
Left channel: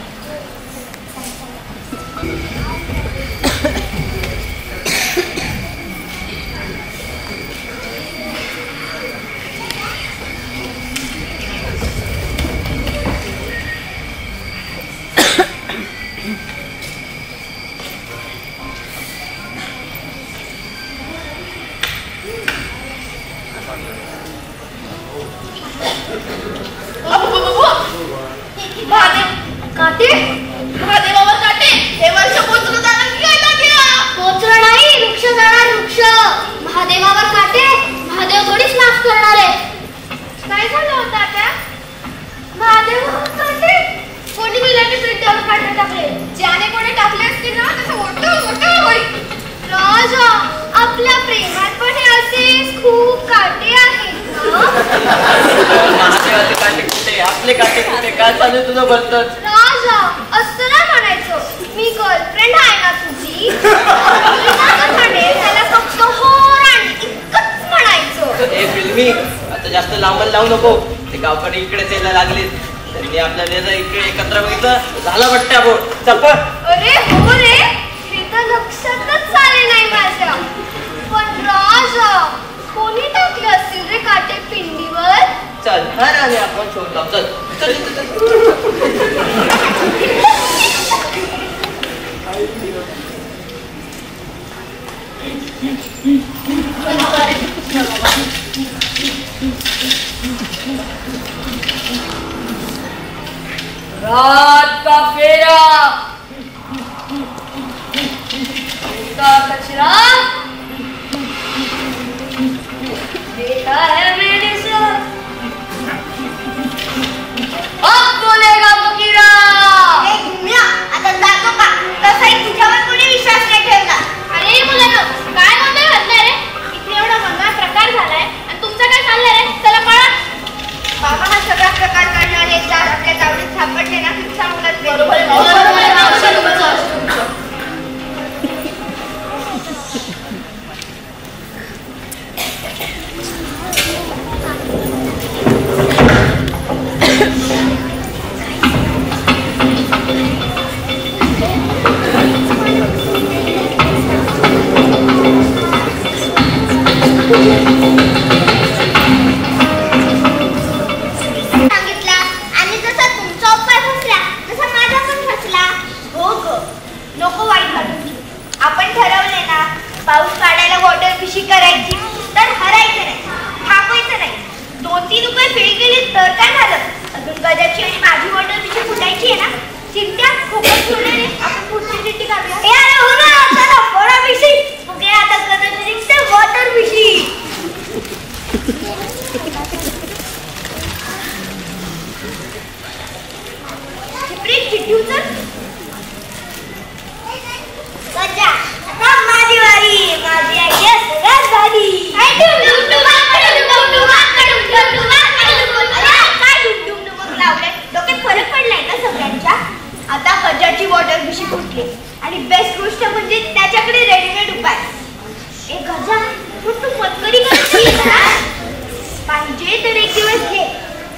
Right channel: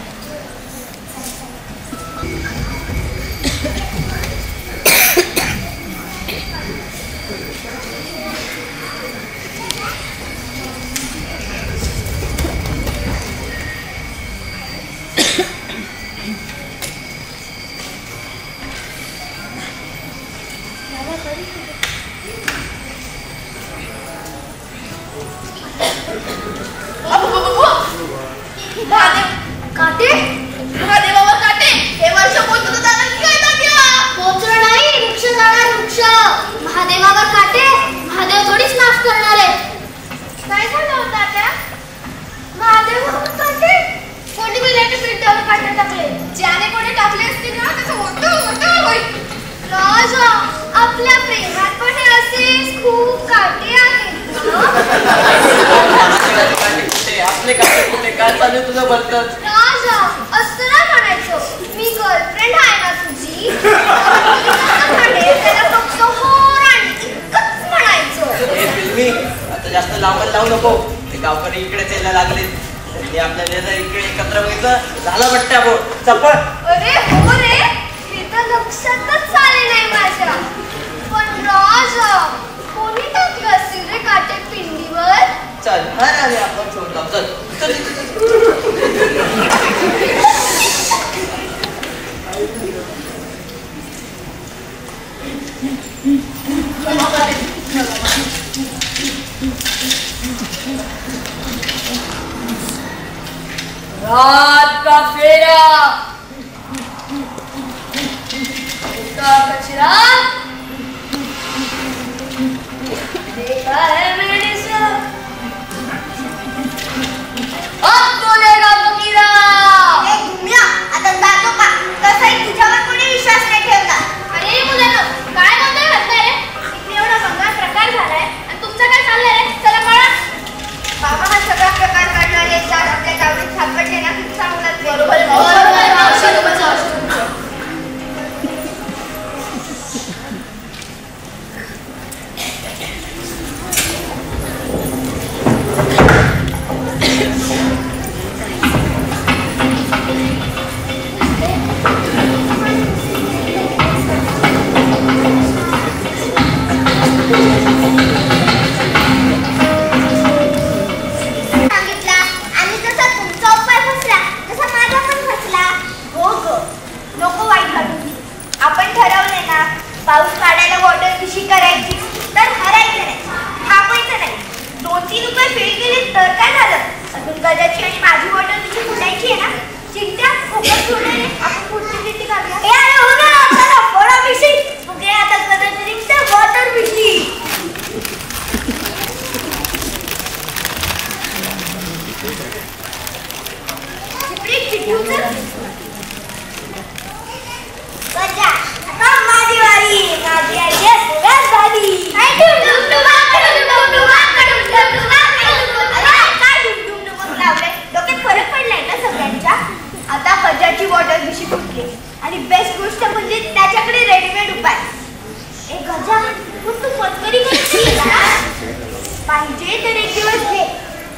काटे महादेवावर काटे, हे वर्ष पोचलं जाणार की आता घ्या। पोचलं नाही, वृक्ष जाणार वृक्ष। महादेवावर काटे, महादेव थोडीच माफ करणार आहे। काय झालं होतं आता? महादेवावर काटे, कोणी मुलांनी पिंटावर काटे टाकले, ज्याने कोणी टाकले असतील ना त्याचं मोठं मोठं होईल। राजा, आपल्या प्रेमात पण असे खूप काटे आहेत। आपले काटे कुठे, काय चालू तुझं बोलतच? राजा, असं ना म्हणायचो, मी गर्लफ्रेंड आहे ना तुझी, त्याला फक्त हो आणि इतकंच म्हणायचो। फिल्मी आता जास्त लांबच लावू नको, ते गावकडे इकडेच यायला लागले, त्यांनी आपल्या वेळेला इकडे एकत्र बघितलं, झाला वाटतं आपण चप्पल। अरे हो रे, हे तर लक्षातच आले नाही माझ्या। पण राजा, कोणी टाकले असतील रे काटे पिंडीवर? चल आणि आपण शोध लाव, चल रात का फेरा, उसका कचरा देखा है मैंने सब, अब बोलेगा फकीरा। घुमला आता जातो का? तसाही तुझ्यावर कोणी विश्वास नाही ठेवला। अरे मुलांनो, काय म्हणताय म्हणताय रे? इथे एवढा मंगळ प्रकार झालाय आणि तुमचं काय चाललंय रे? चला कळा। बाबा हा सगळा प्रकार करणार एक चार आपल्या चावडीत सापडले ना, तुमचा मुलाच बरोबर पाऊस काढायला वॉटर फिशिंग करायची तर हरायचं नाही, थांबायचं नाही। 2-3 रुपये फेल गेले तर काय झालं? अजून गजाची आणि माझी वॉटर फिशिंग फुटायची आहे ना, चिंत्या खूपच होणे आपण पुढची चिठ्ठी काढूया। ए अरे हो ना, चला वॉटर फिशिंग म्हणजे आता गजाची वॉटर फिशिंग। चिपळी चिठ्ठी त्याची बॉटल भिशी फुटली आणि बेस्ट गोष्ट म्हणजे त्याच्याकडे रेडीमेड उपाय. एक गजा तू मस्करी करशील का? पाहिजे तर एक दिवस घे,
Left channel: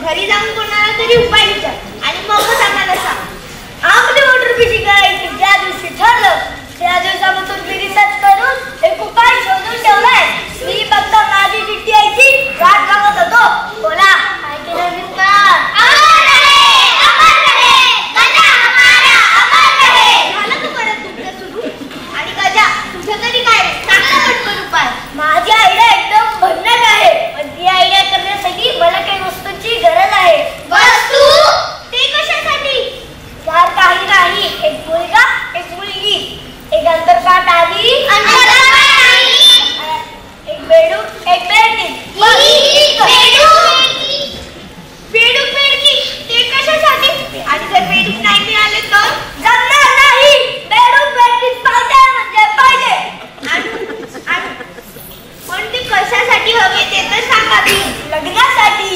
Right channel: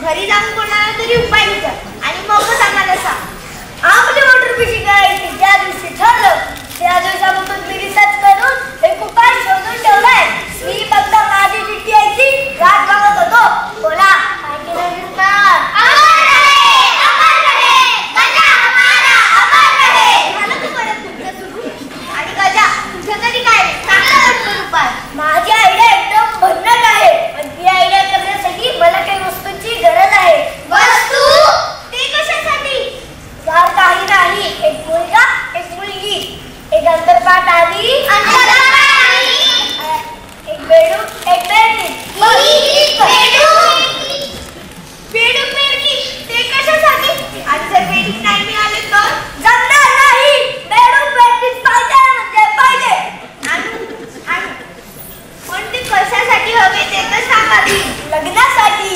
घरी जाऊन कोणाला तरी उपाय विचार आणि मगच आम्हाला सांग. आपली वॉटर भिशी काय ज्या दिवशी ठरलं त्या दिवसापासून मी रिसर्च करून एक उपाय शोधून ठेवलाय. मी फक्त माझी चिठ्ठी यायची वाट बघत होतो. बोला काय केलं मिस्टर? आणि गजा तुझं तरी काय चांगला वाटतो उपाय? माझी आयडिया एकदम भन्नाट आहे, पण ती आयडिया करण्यासाठी मला काही वस्तूंची गरज आहे. वस्तू? ते कशासाठी? यार काही नाही, एक मुलगा एक मुलगी, एक अंतरपाठ आणि एक बेडूक एक बेडकी. बेडूक बेडकी ते कशासाठी? आणि जर बेडूक नाही मिळाले तर जमणार नाही. बेडूक बेडकी पाहिजे म्हणजे पाहिजे. पण ते कशासाठी हवे ते तर सांगा. लग्नासाठी.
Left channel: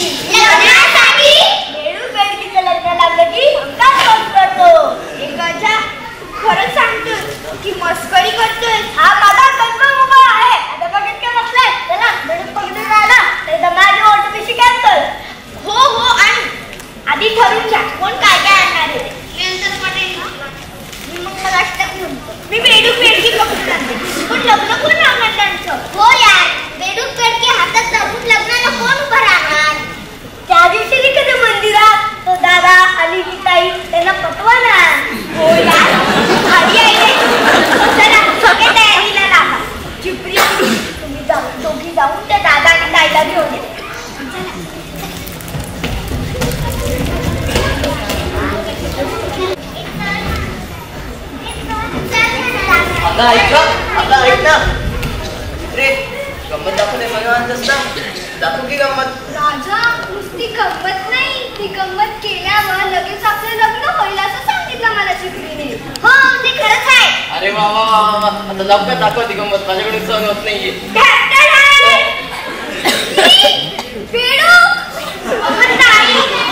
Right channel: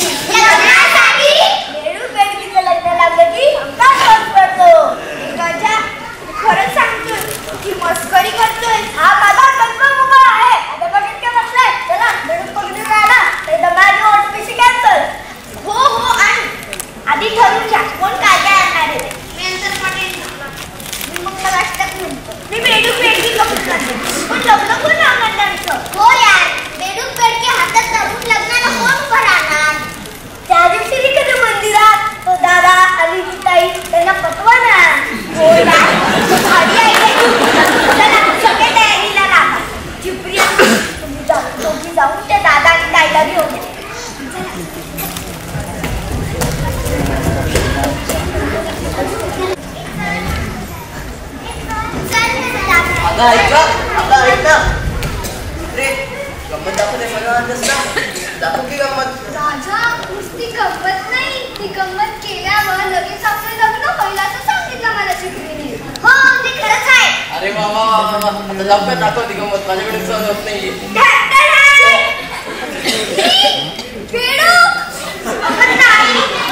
बेडूक बेडकीचं लग्न लागलं की हमखास खर्च करतो. गजा खरंच सांगतोय की मस्करी करतोय? हा माझा कन्फर्म उपाय आहे. आता बघत काय बसलाय? चला बेडूक पकडून राहिला तर माझी ऑटो कशी कॅन्सल. हो आणि आधी ठरवून घ्या कोण काय काय आणणार आहे. मग मला मी बेडूक बेडकी पकडून आणते, पण लग्न कोण राहणार त्यांचं? हो यार, बेडूक बेडकी हातात धरून लग्नाला कोण उभं राहणार? त्या दिवशी तिकडे मंदिरात तो दादा आणि ही ताई त्यांना पटवा ना. हो यार, चला सगळे तयारीला लागा. चिपरी तुम्ही जाऊन त्या दादा आणि ताईला घेऊन या. आता ऐक ना रे, गंमत दाखवते दाखव की गंमत. राजा नुसती गंमत नाही, ती गंमत केल्यावर लगेच आपलं लग्न होईल असं सांगितलं मला चिपरीने. हो ते खरंच आहे. अरे वा वा वा वा, आता लवकर दाखव ती गंमत, माझ्याकडे सहन होत नाहीये.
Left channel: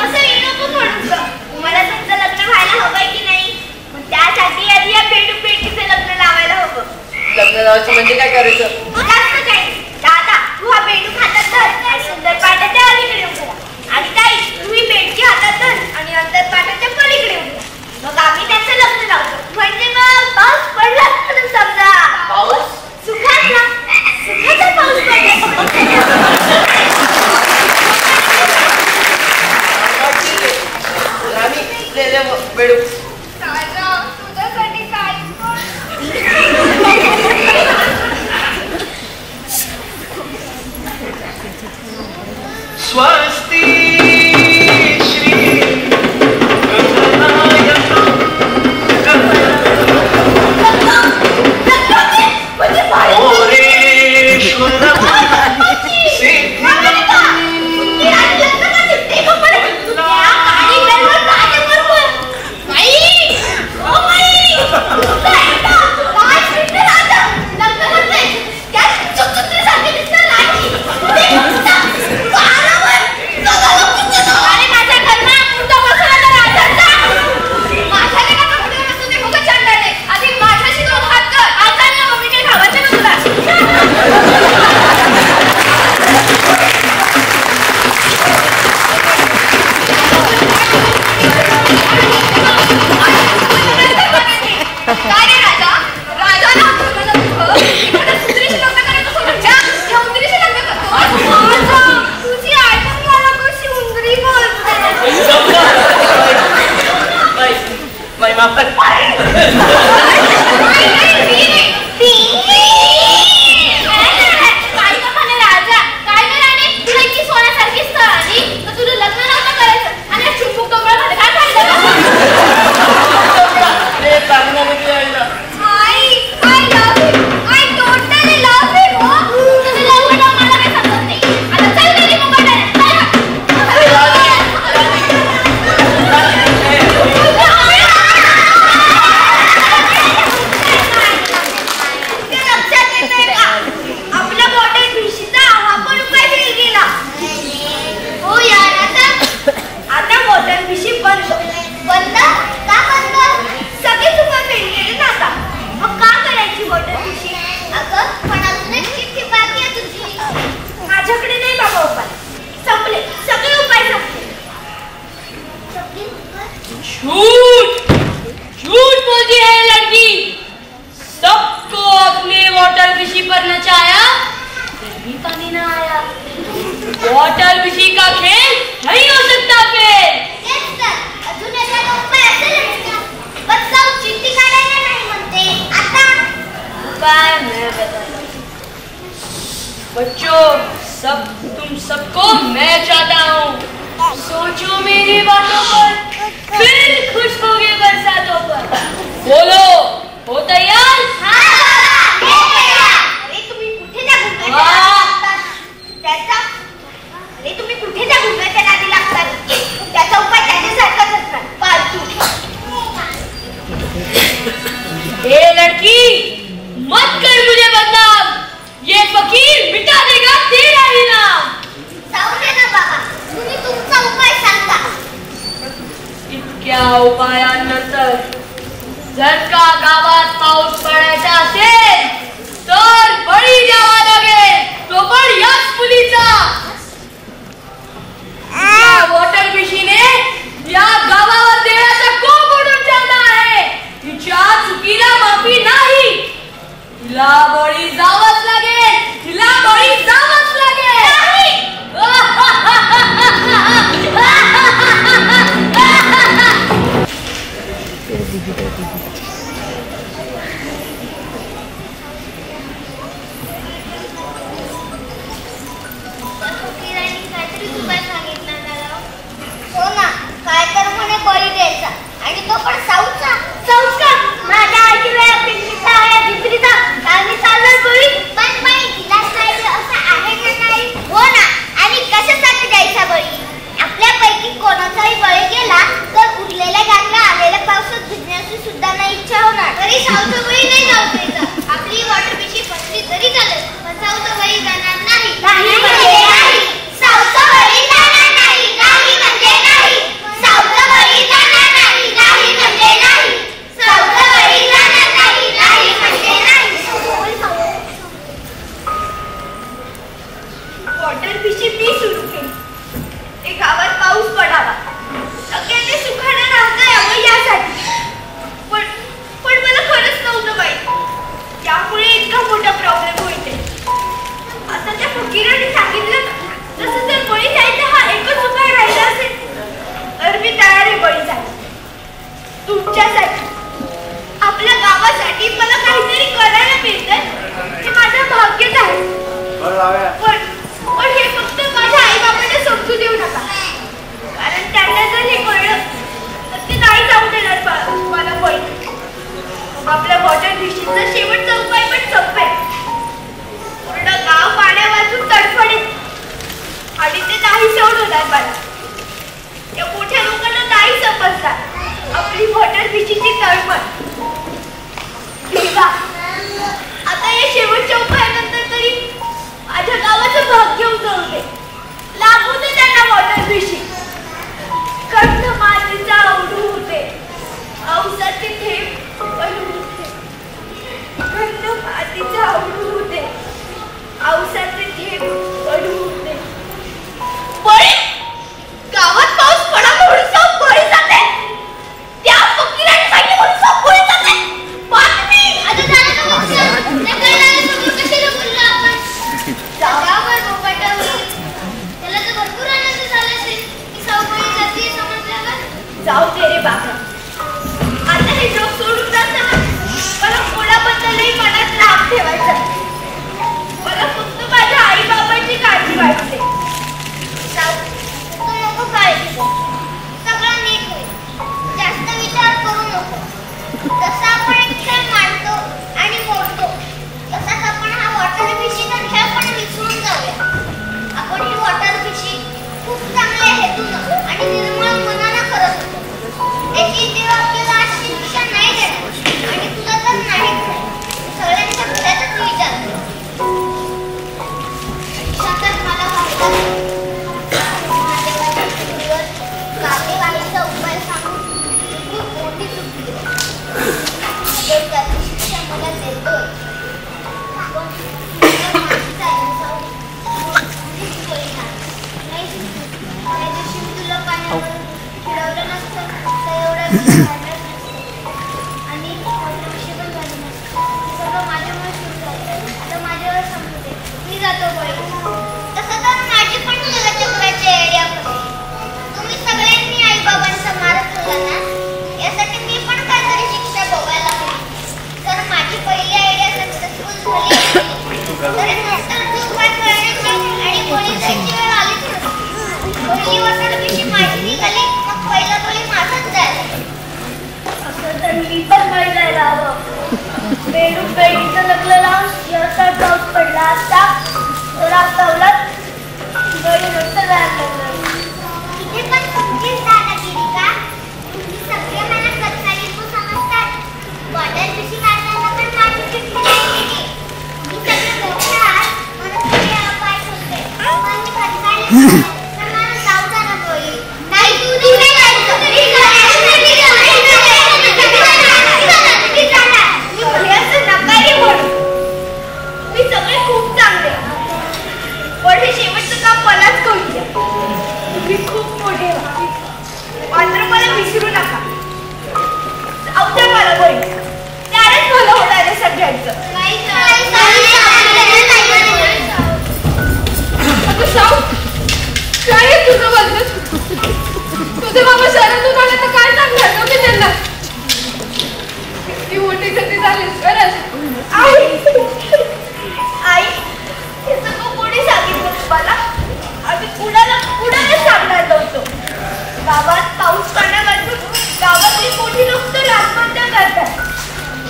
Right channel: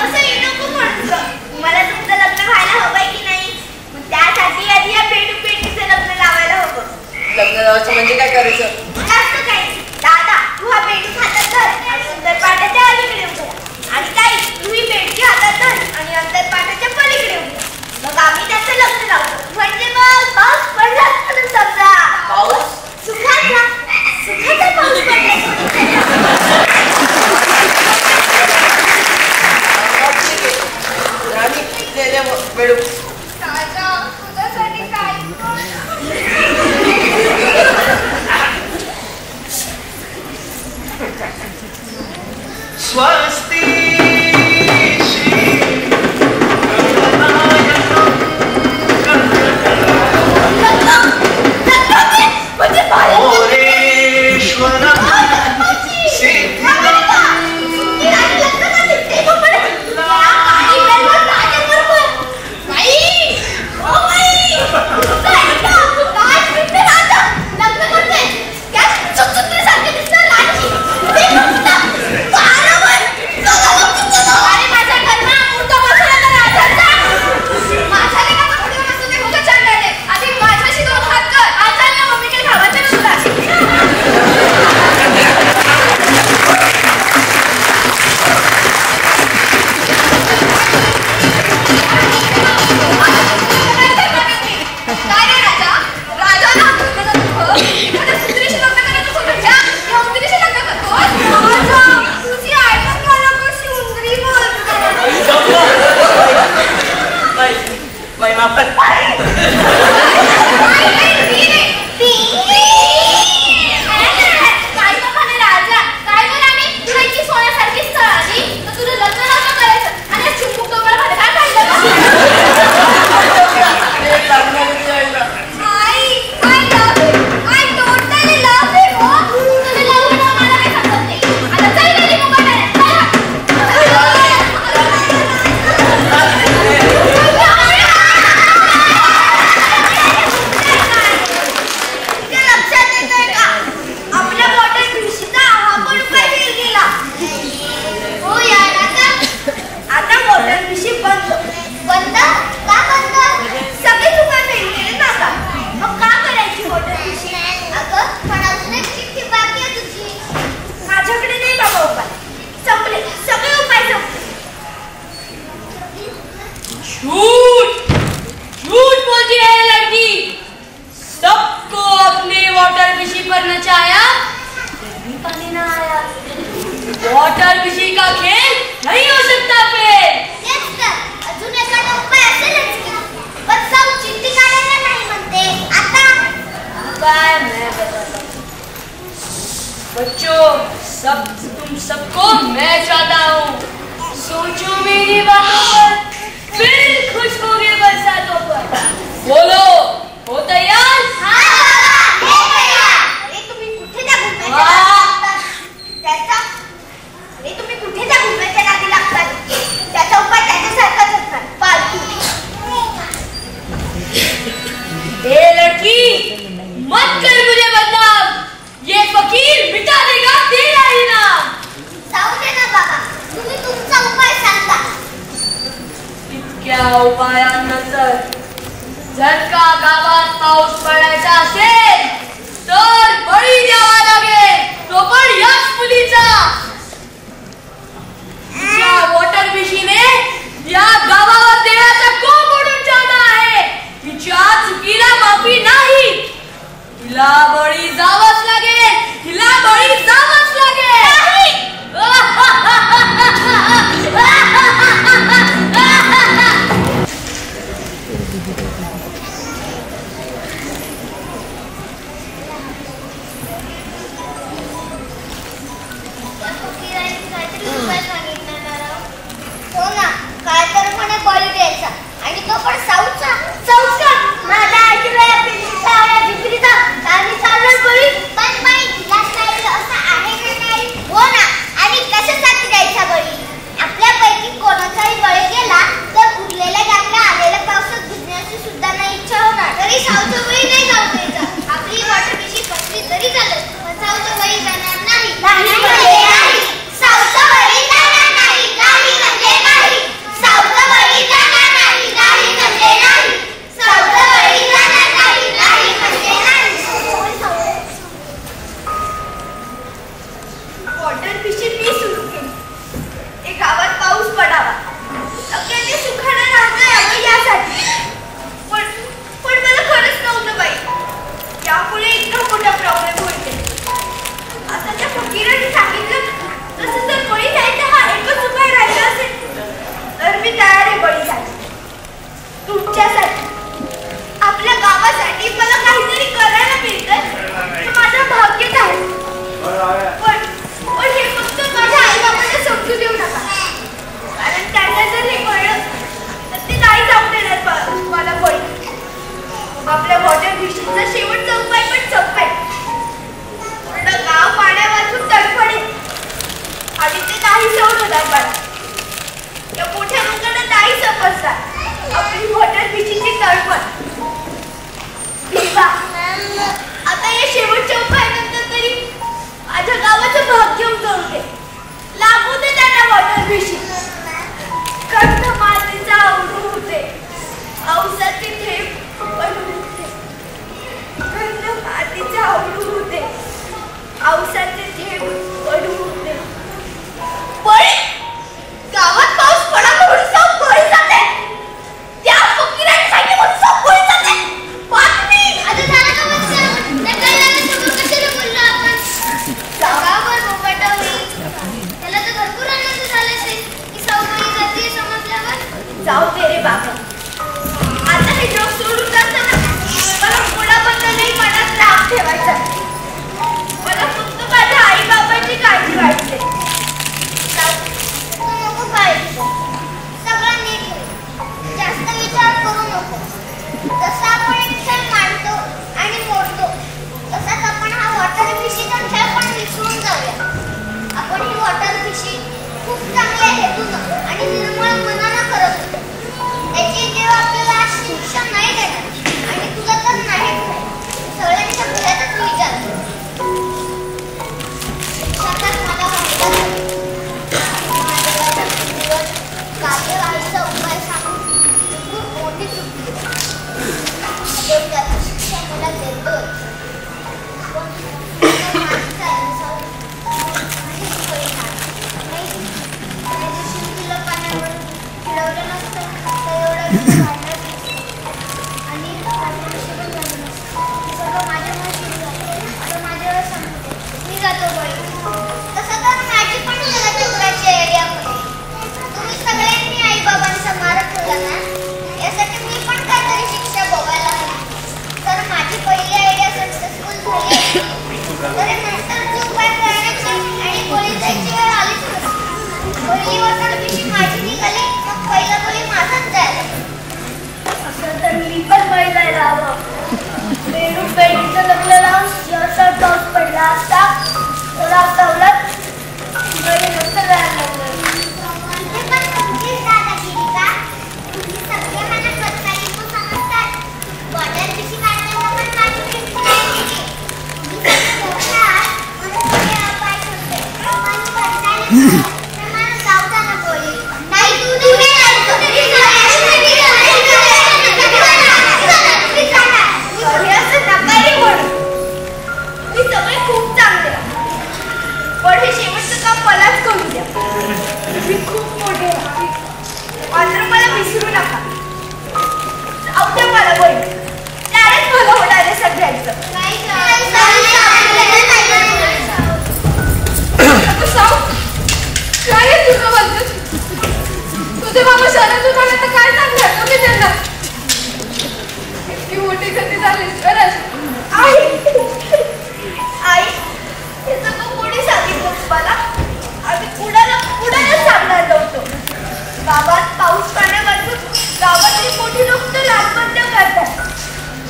असं नको म्हणतो. मला तुमचं लग्न व्हायला हवंय की नाही? त्यासाठी आधी या बेडूक बेडकीचं लग्न लावायला हवं. लग्न लावायचं म्हणजे काय करायचं? जास्त काय दादा, तू हा बेडूक हातात धर, सुंदर पाटाच्या अलीकडे उभा, आणि ताई तू ही बेडकी हातात धर आणि अंतर पाटाच्या पलीकडे उभा. मग आम्ही त्याचं लग्न लावतो. म्हणजे मग पाऊस पडलाच म्हणून समजा. पाऊस? सुखाचा पाऊस बेडूक स्वस्ति श्री पर नचाया फिर भी पानी ना आया। वाटर बिशी का खेल नहीं हो सकता फेल। अजून एखादा उपाय असेलच का? पण साऊ चिट्टी काढायला नाही म्हणते आता। उपाय मैं बताता हूँ बच्चों, तुम सबको मैं चाहता हूँ। सोचो मेरी बातों पर, फिर खुश होगे बरसातों पर। बोलो, हो तैयार? अरे तुम्ही कुठे त्या घुमण्याच्या नादी लागतात? त्याचा उपाय त्याच्यासारखाच असणार, फालतू। ए लड़की, मत कर मुझे बदनाम। ये फकीर मिटा देगा तेरा ही नाम। जाऊ दे ना बाबा, तुम्ही तुमचा उपाय सांगा। इतक्या उपायांनंतर जर का गावात पाऊस पडायचा असेल तर बळी द्यावा लागेल, तो पण याच मुलीचा। या वॉटर बिशीने या गावावर देवाचा कोप ओढून ठेवला आहे। तिच्या चुकीला माफी नाही, तिला बळी जावंच लागेल, तिला बळी जावंच लागेल। हो ना, काय तर म्हणे बळी द्यायचा आणि तो पण साऊचा। माझ्या आजीला पिंपरीचा या झिपरीचा कालनी चालणार बळी, पण बाई तिला पाहिजे असं आहे का नाही? हो ना, आणि कशासाठी द्यायचा बळी? आपल्यापैकी कोणाचाही बळी गेला तर उरलेल्या गॅपला आलेल्या पावसात भिजण्याची सुद्धा नाही इच्छा होणार। तरी साऊचा बळी नाही जाऊ द्यायचा। आपली वॉटर बिशी फसली तरी चालेल, पण साऊचा बळी जाणार नाही। नाही म्हणजे नाही, साऊचा बळी जाणार नाही, नाही म्हणजे नाही। साऊचा बळी जाणार नाही, नाही म्हणजे नाही। साऊचा बळी जाणार नाही, नाही म्हणजे नाही। वॉटर बिशी मी सुरू केली। ते गावात पाऊस पडावा, सगळ्यांनी सुखाने राहता यावं यासाठी। पण मला खरंच नव्हतं बाई, यामुळे इतका मोठा प्रॉब्लेम होईल। आता त्या फकीराने सांगितलं तसं जर बळी जायचं हा एकच उपाय राहिला असेल तर मी तयार आहे बळी जायला। तुमच्यासाठी, आपल्या गावासाठी मला काहीतरी करायला मिळतं हे माझं भाग्यच आहे। पण हे फक्त माझ्या आई बाबांना समजू देऊ नका, कारण त्यांना जर हे कळलं तर ते नाही जाऊ देणार मला बळी। आपल्या वॉटर बिशीचा शेवटचा उपाय पण संपेल, पूर्ण गाव पाण्या वाचून तडफडेल आणि ते नाही सहन होणार मला। या मोठ्या लोकांना नाही समजणार आपली वॉटर बिशीची तळमळ। आता या शेवटच्या उपायानंतर तरी माझ्या गावाचं भाग्य उजळू दे, लागू दे त्यांना वॉटर बिशी। कंठ मातीचा आवडू होते, औसाचे थेंब पडू होते। कंठ मातीचा आवडू होते, औसाचे थेंब पडू होते। बळी, गावात पाऊस पडावा म्हणून सब बळी जाते। त्या फकीराने सांगितलं म्हणून सब बळी जाते। बातमी आता झालं का मग सर? नकळलेल्या समोर कशाला बोललो आपण? गावावर बोंबाटा होईल, त्याला तर भरपूर आनंद झाला असेल। आणि गोळी जायची वेळ आलीच नाही. गोळी वाजताना पिशी माझी निघाली, मग पहिला गोळी माझाच जायला. असं तर मी पण बळी जायला हवं. बेडूक बेडीचं लग्न लावून जसा पाऊस पडला असता तर आपलं बळी नसतं जायला लागलं. इथे पण तुमचीच दादागिरी का? तुम्ही सगळे मला सत्कारी तू समजतात. बॉटल पिशी काढताना पण माझी चिठ्ठी नाही केली. मी सगळं मोठं आहे म्हणून तुम्ही अपाय होते. पण कंटाळले तर मला जाऊ द्या ना गोळी. नाही तू नाही जायचं तरी मी सगळे खूप चांगले पण हे शेवटचं काम मलाच करू द्या. तुम्ही खूप मोठे व्हा मात्र मला विसरू नका. जाऊ द्या मला गोळी. त्यालाच मला होणार आहे सगळ्यांचं. काय आहे तुझं बद्दल? तुझे बाबा शरण दुकानात काय सांगणार की त्यांना ती मोठी गती झाली खरंच. आई आई हे सगळं कोणी सांगितलं तुम्हाला? आम्ही कुणाला सांगणार नव्हतो. गावात पाऊस पाण्यापासून गावातली मोठी लोक तर आत्महत्या करतात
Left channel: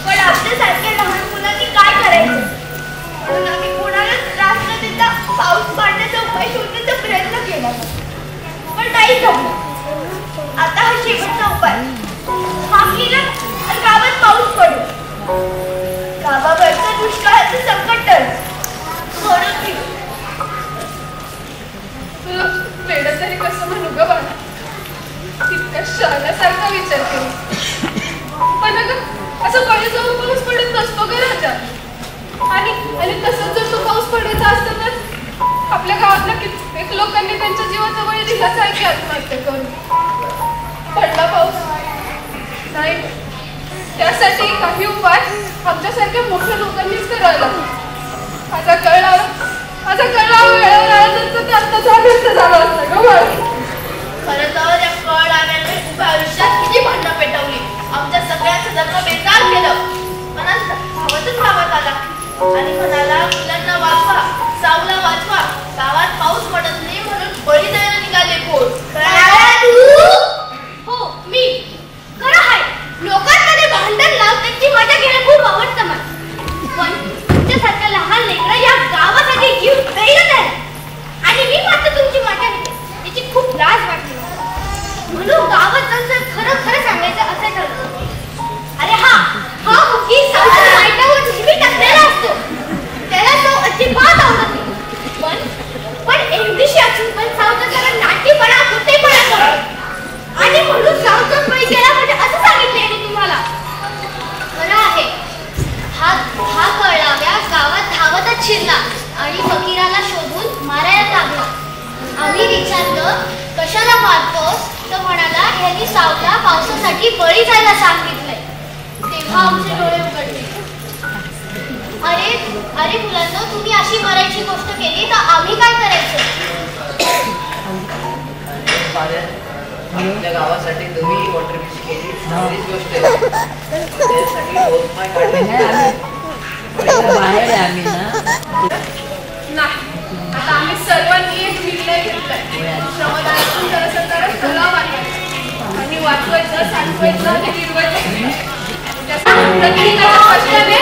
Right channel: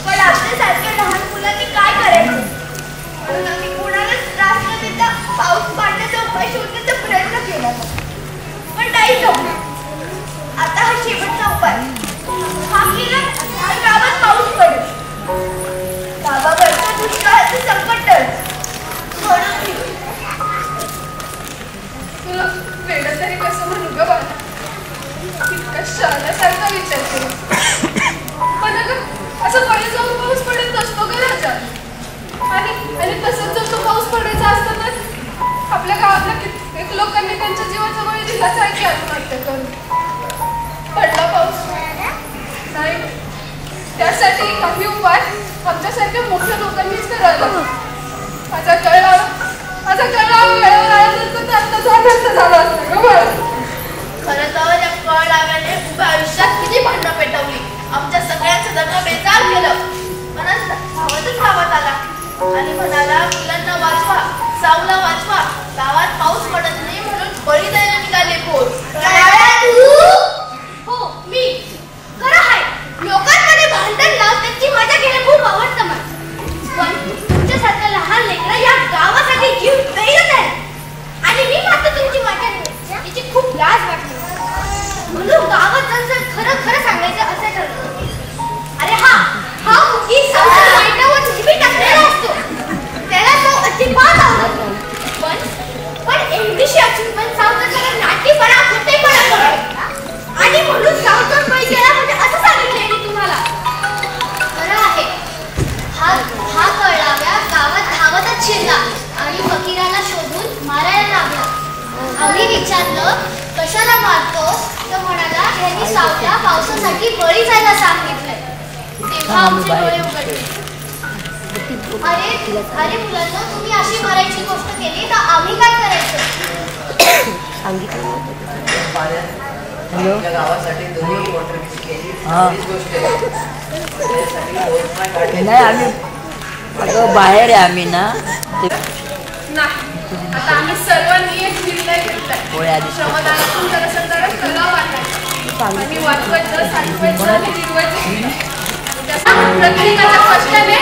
पण आमच्यासारख्या लहान मुलांनी काय करायचं म्हणून आम्ही कोणालाच त्रास न देता पाऊस पाडण्याचा उपाय शोधण्याचा प्रयत्न केला पण नाही जमलं. आता हा शेवटचा उपाय. हा केला तर गावात पाऊस पडेल. गावावरचं दुष्काळाचं संकट टळेल. म्हणून तुला वेडं तरी कसं म्हणू ग बाळा? तितका शहाण्यासारखा विचार करू. पण अगं असं कडे जाऊन पाऊस पडत नसतो ग राजा. आणि तसंच जर तो पाऊस पडायचा असता तर आपल्या गावातल्या कित्येक लोकांनी त्यांच्या जीवाच्या बळी दिल्यासारखी आत्महत्या करून. पडला पाऊस नाही त्यासाठी काही उपाय आमच्यासारख्या मोठ्या लोकांनीच करायला. माझा कळला वेळेवर आला तर आत्ताचा व्यक्त झाला असता ग बाळा. खरं तर या कळ आल्याने उभ्या आयुष्यात किती भांडणं पेटवली. आमच्या सगळ्यांचं जगणं बेकार केलं. मला धावतच गावात आला आणि म्हणाला मुलांना वाचवा, सावला वाचवा. गावात पाऊस पडत नाही म्हणून बळी द्यायला निघाले पोर. हो मी खरं आहे. लोकांमध्ये भांडण लावून त्याची मजा घेणं खूप आवडतं मला. पण तुमच्यासारख्या लहान लेकरं या गावासाठी जीव द्यायला नाही आणि मी मात्र तुमची मजा घेते याची खूप लाज वाटते म्हणून गावात जाऊन खरं सांगायचं असे ठरवलं. अरे हा मुकी सावच्या लाईटावर नेहमी टाकलेला असतो. त्याला तो अजिबात आवडत नाही. पण एवढीशी असून पण सावचा सगळं नाट्यपणा होतेपणा करतो आणि म्हणून सावचा बळी गेला म्हणजे असं सांगितलंय मी तुम्हाला. खरं आहे. हा कळलाव्या गावात धावतच शिरला आणि फकीराला शोधून मारायला लागला. आम्ही विचारलं कशाला मारतो तर म्हणाला ह्यांनी सावल्या पावसासाठी बळी जायला सांगितलंय. तेव्हा आमचे डोळे उघडले. अरे मुलांना तुम्ही अशी मरायची गोष्ट केली तर आम्ही काय करायचं? आपल्या गावासाठी तुम्ही वॉटर केली चांगलीच गोष्ट आहे. बाहेर आहे आम्ही ना. नाही आता आम्ही सर्वांनी एक निर्णय घेतलाय. श्रमदानातून जरा तलाव वाटायचा आणि वाचवायचं, साठवायचं आणि फिरवायचं. प्रत्येकाच्या कष्टाने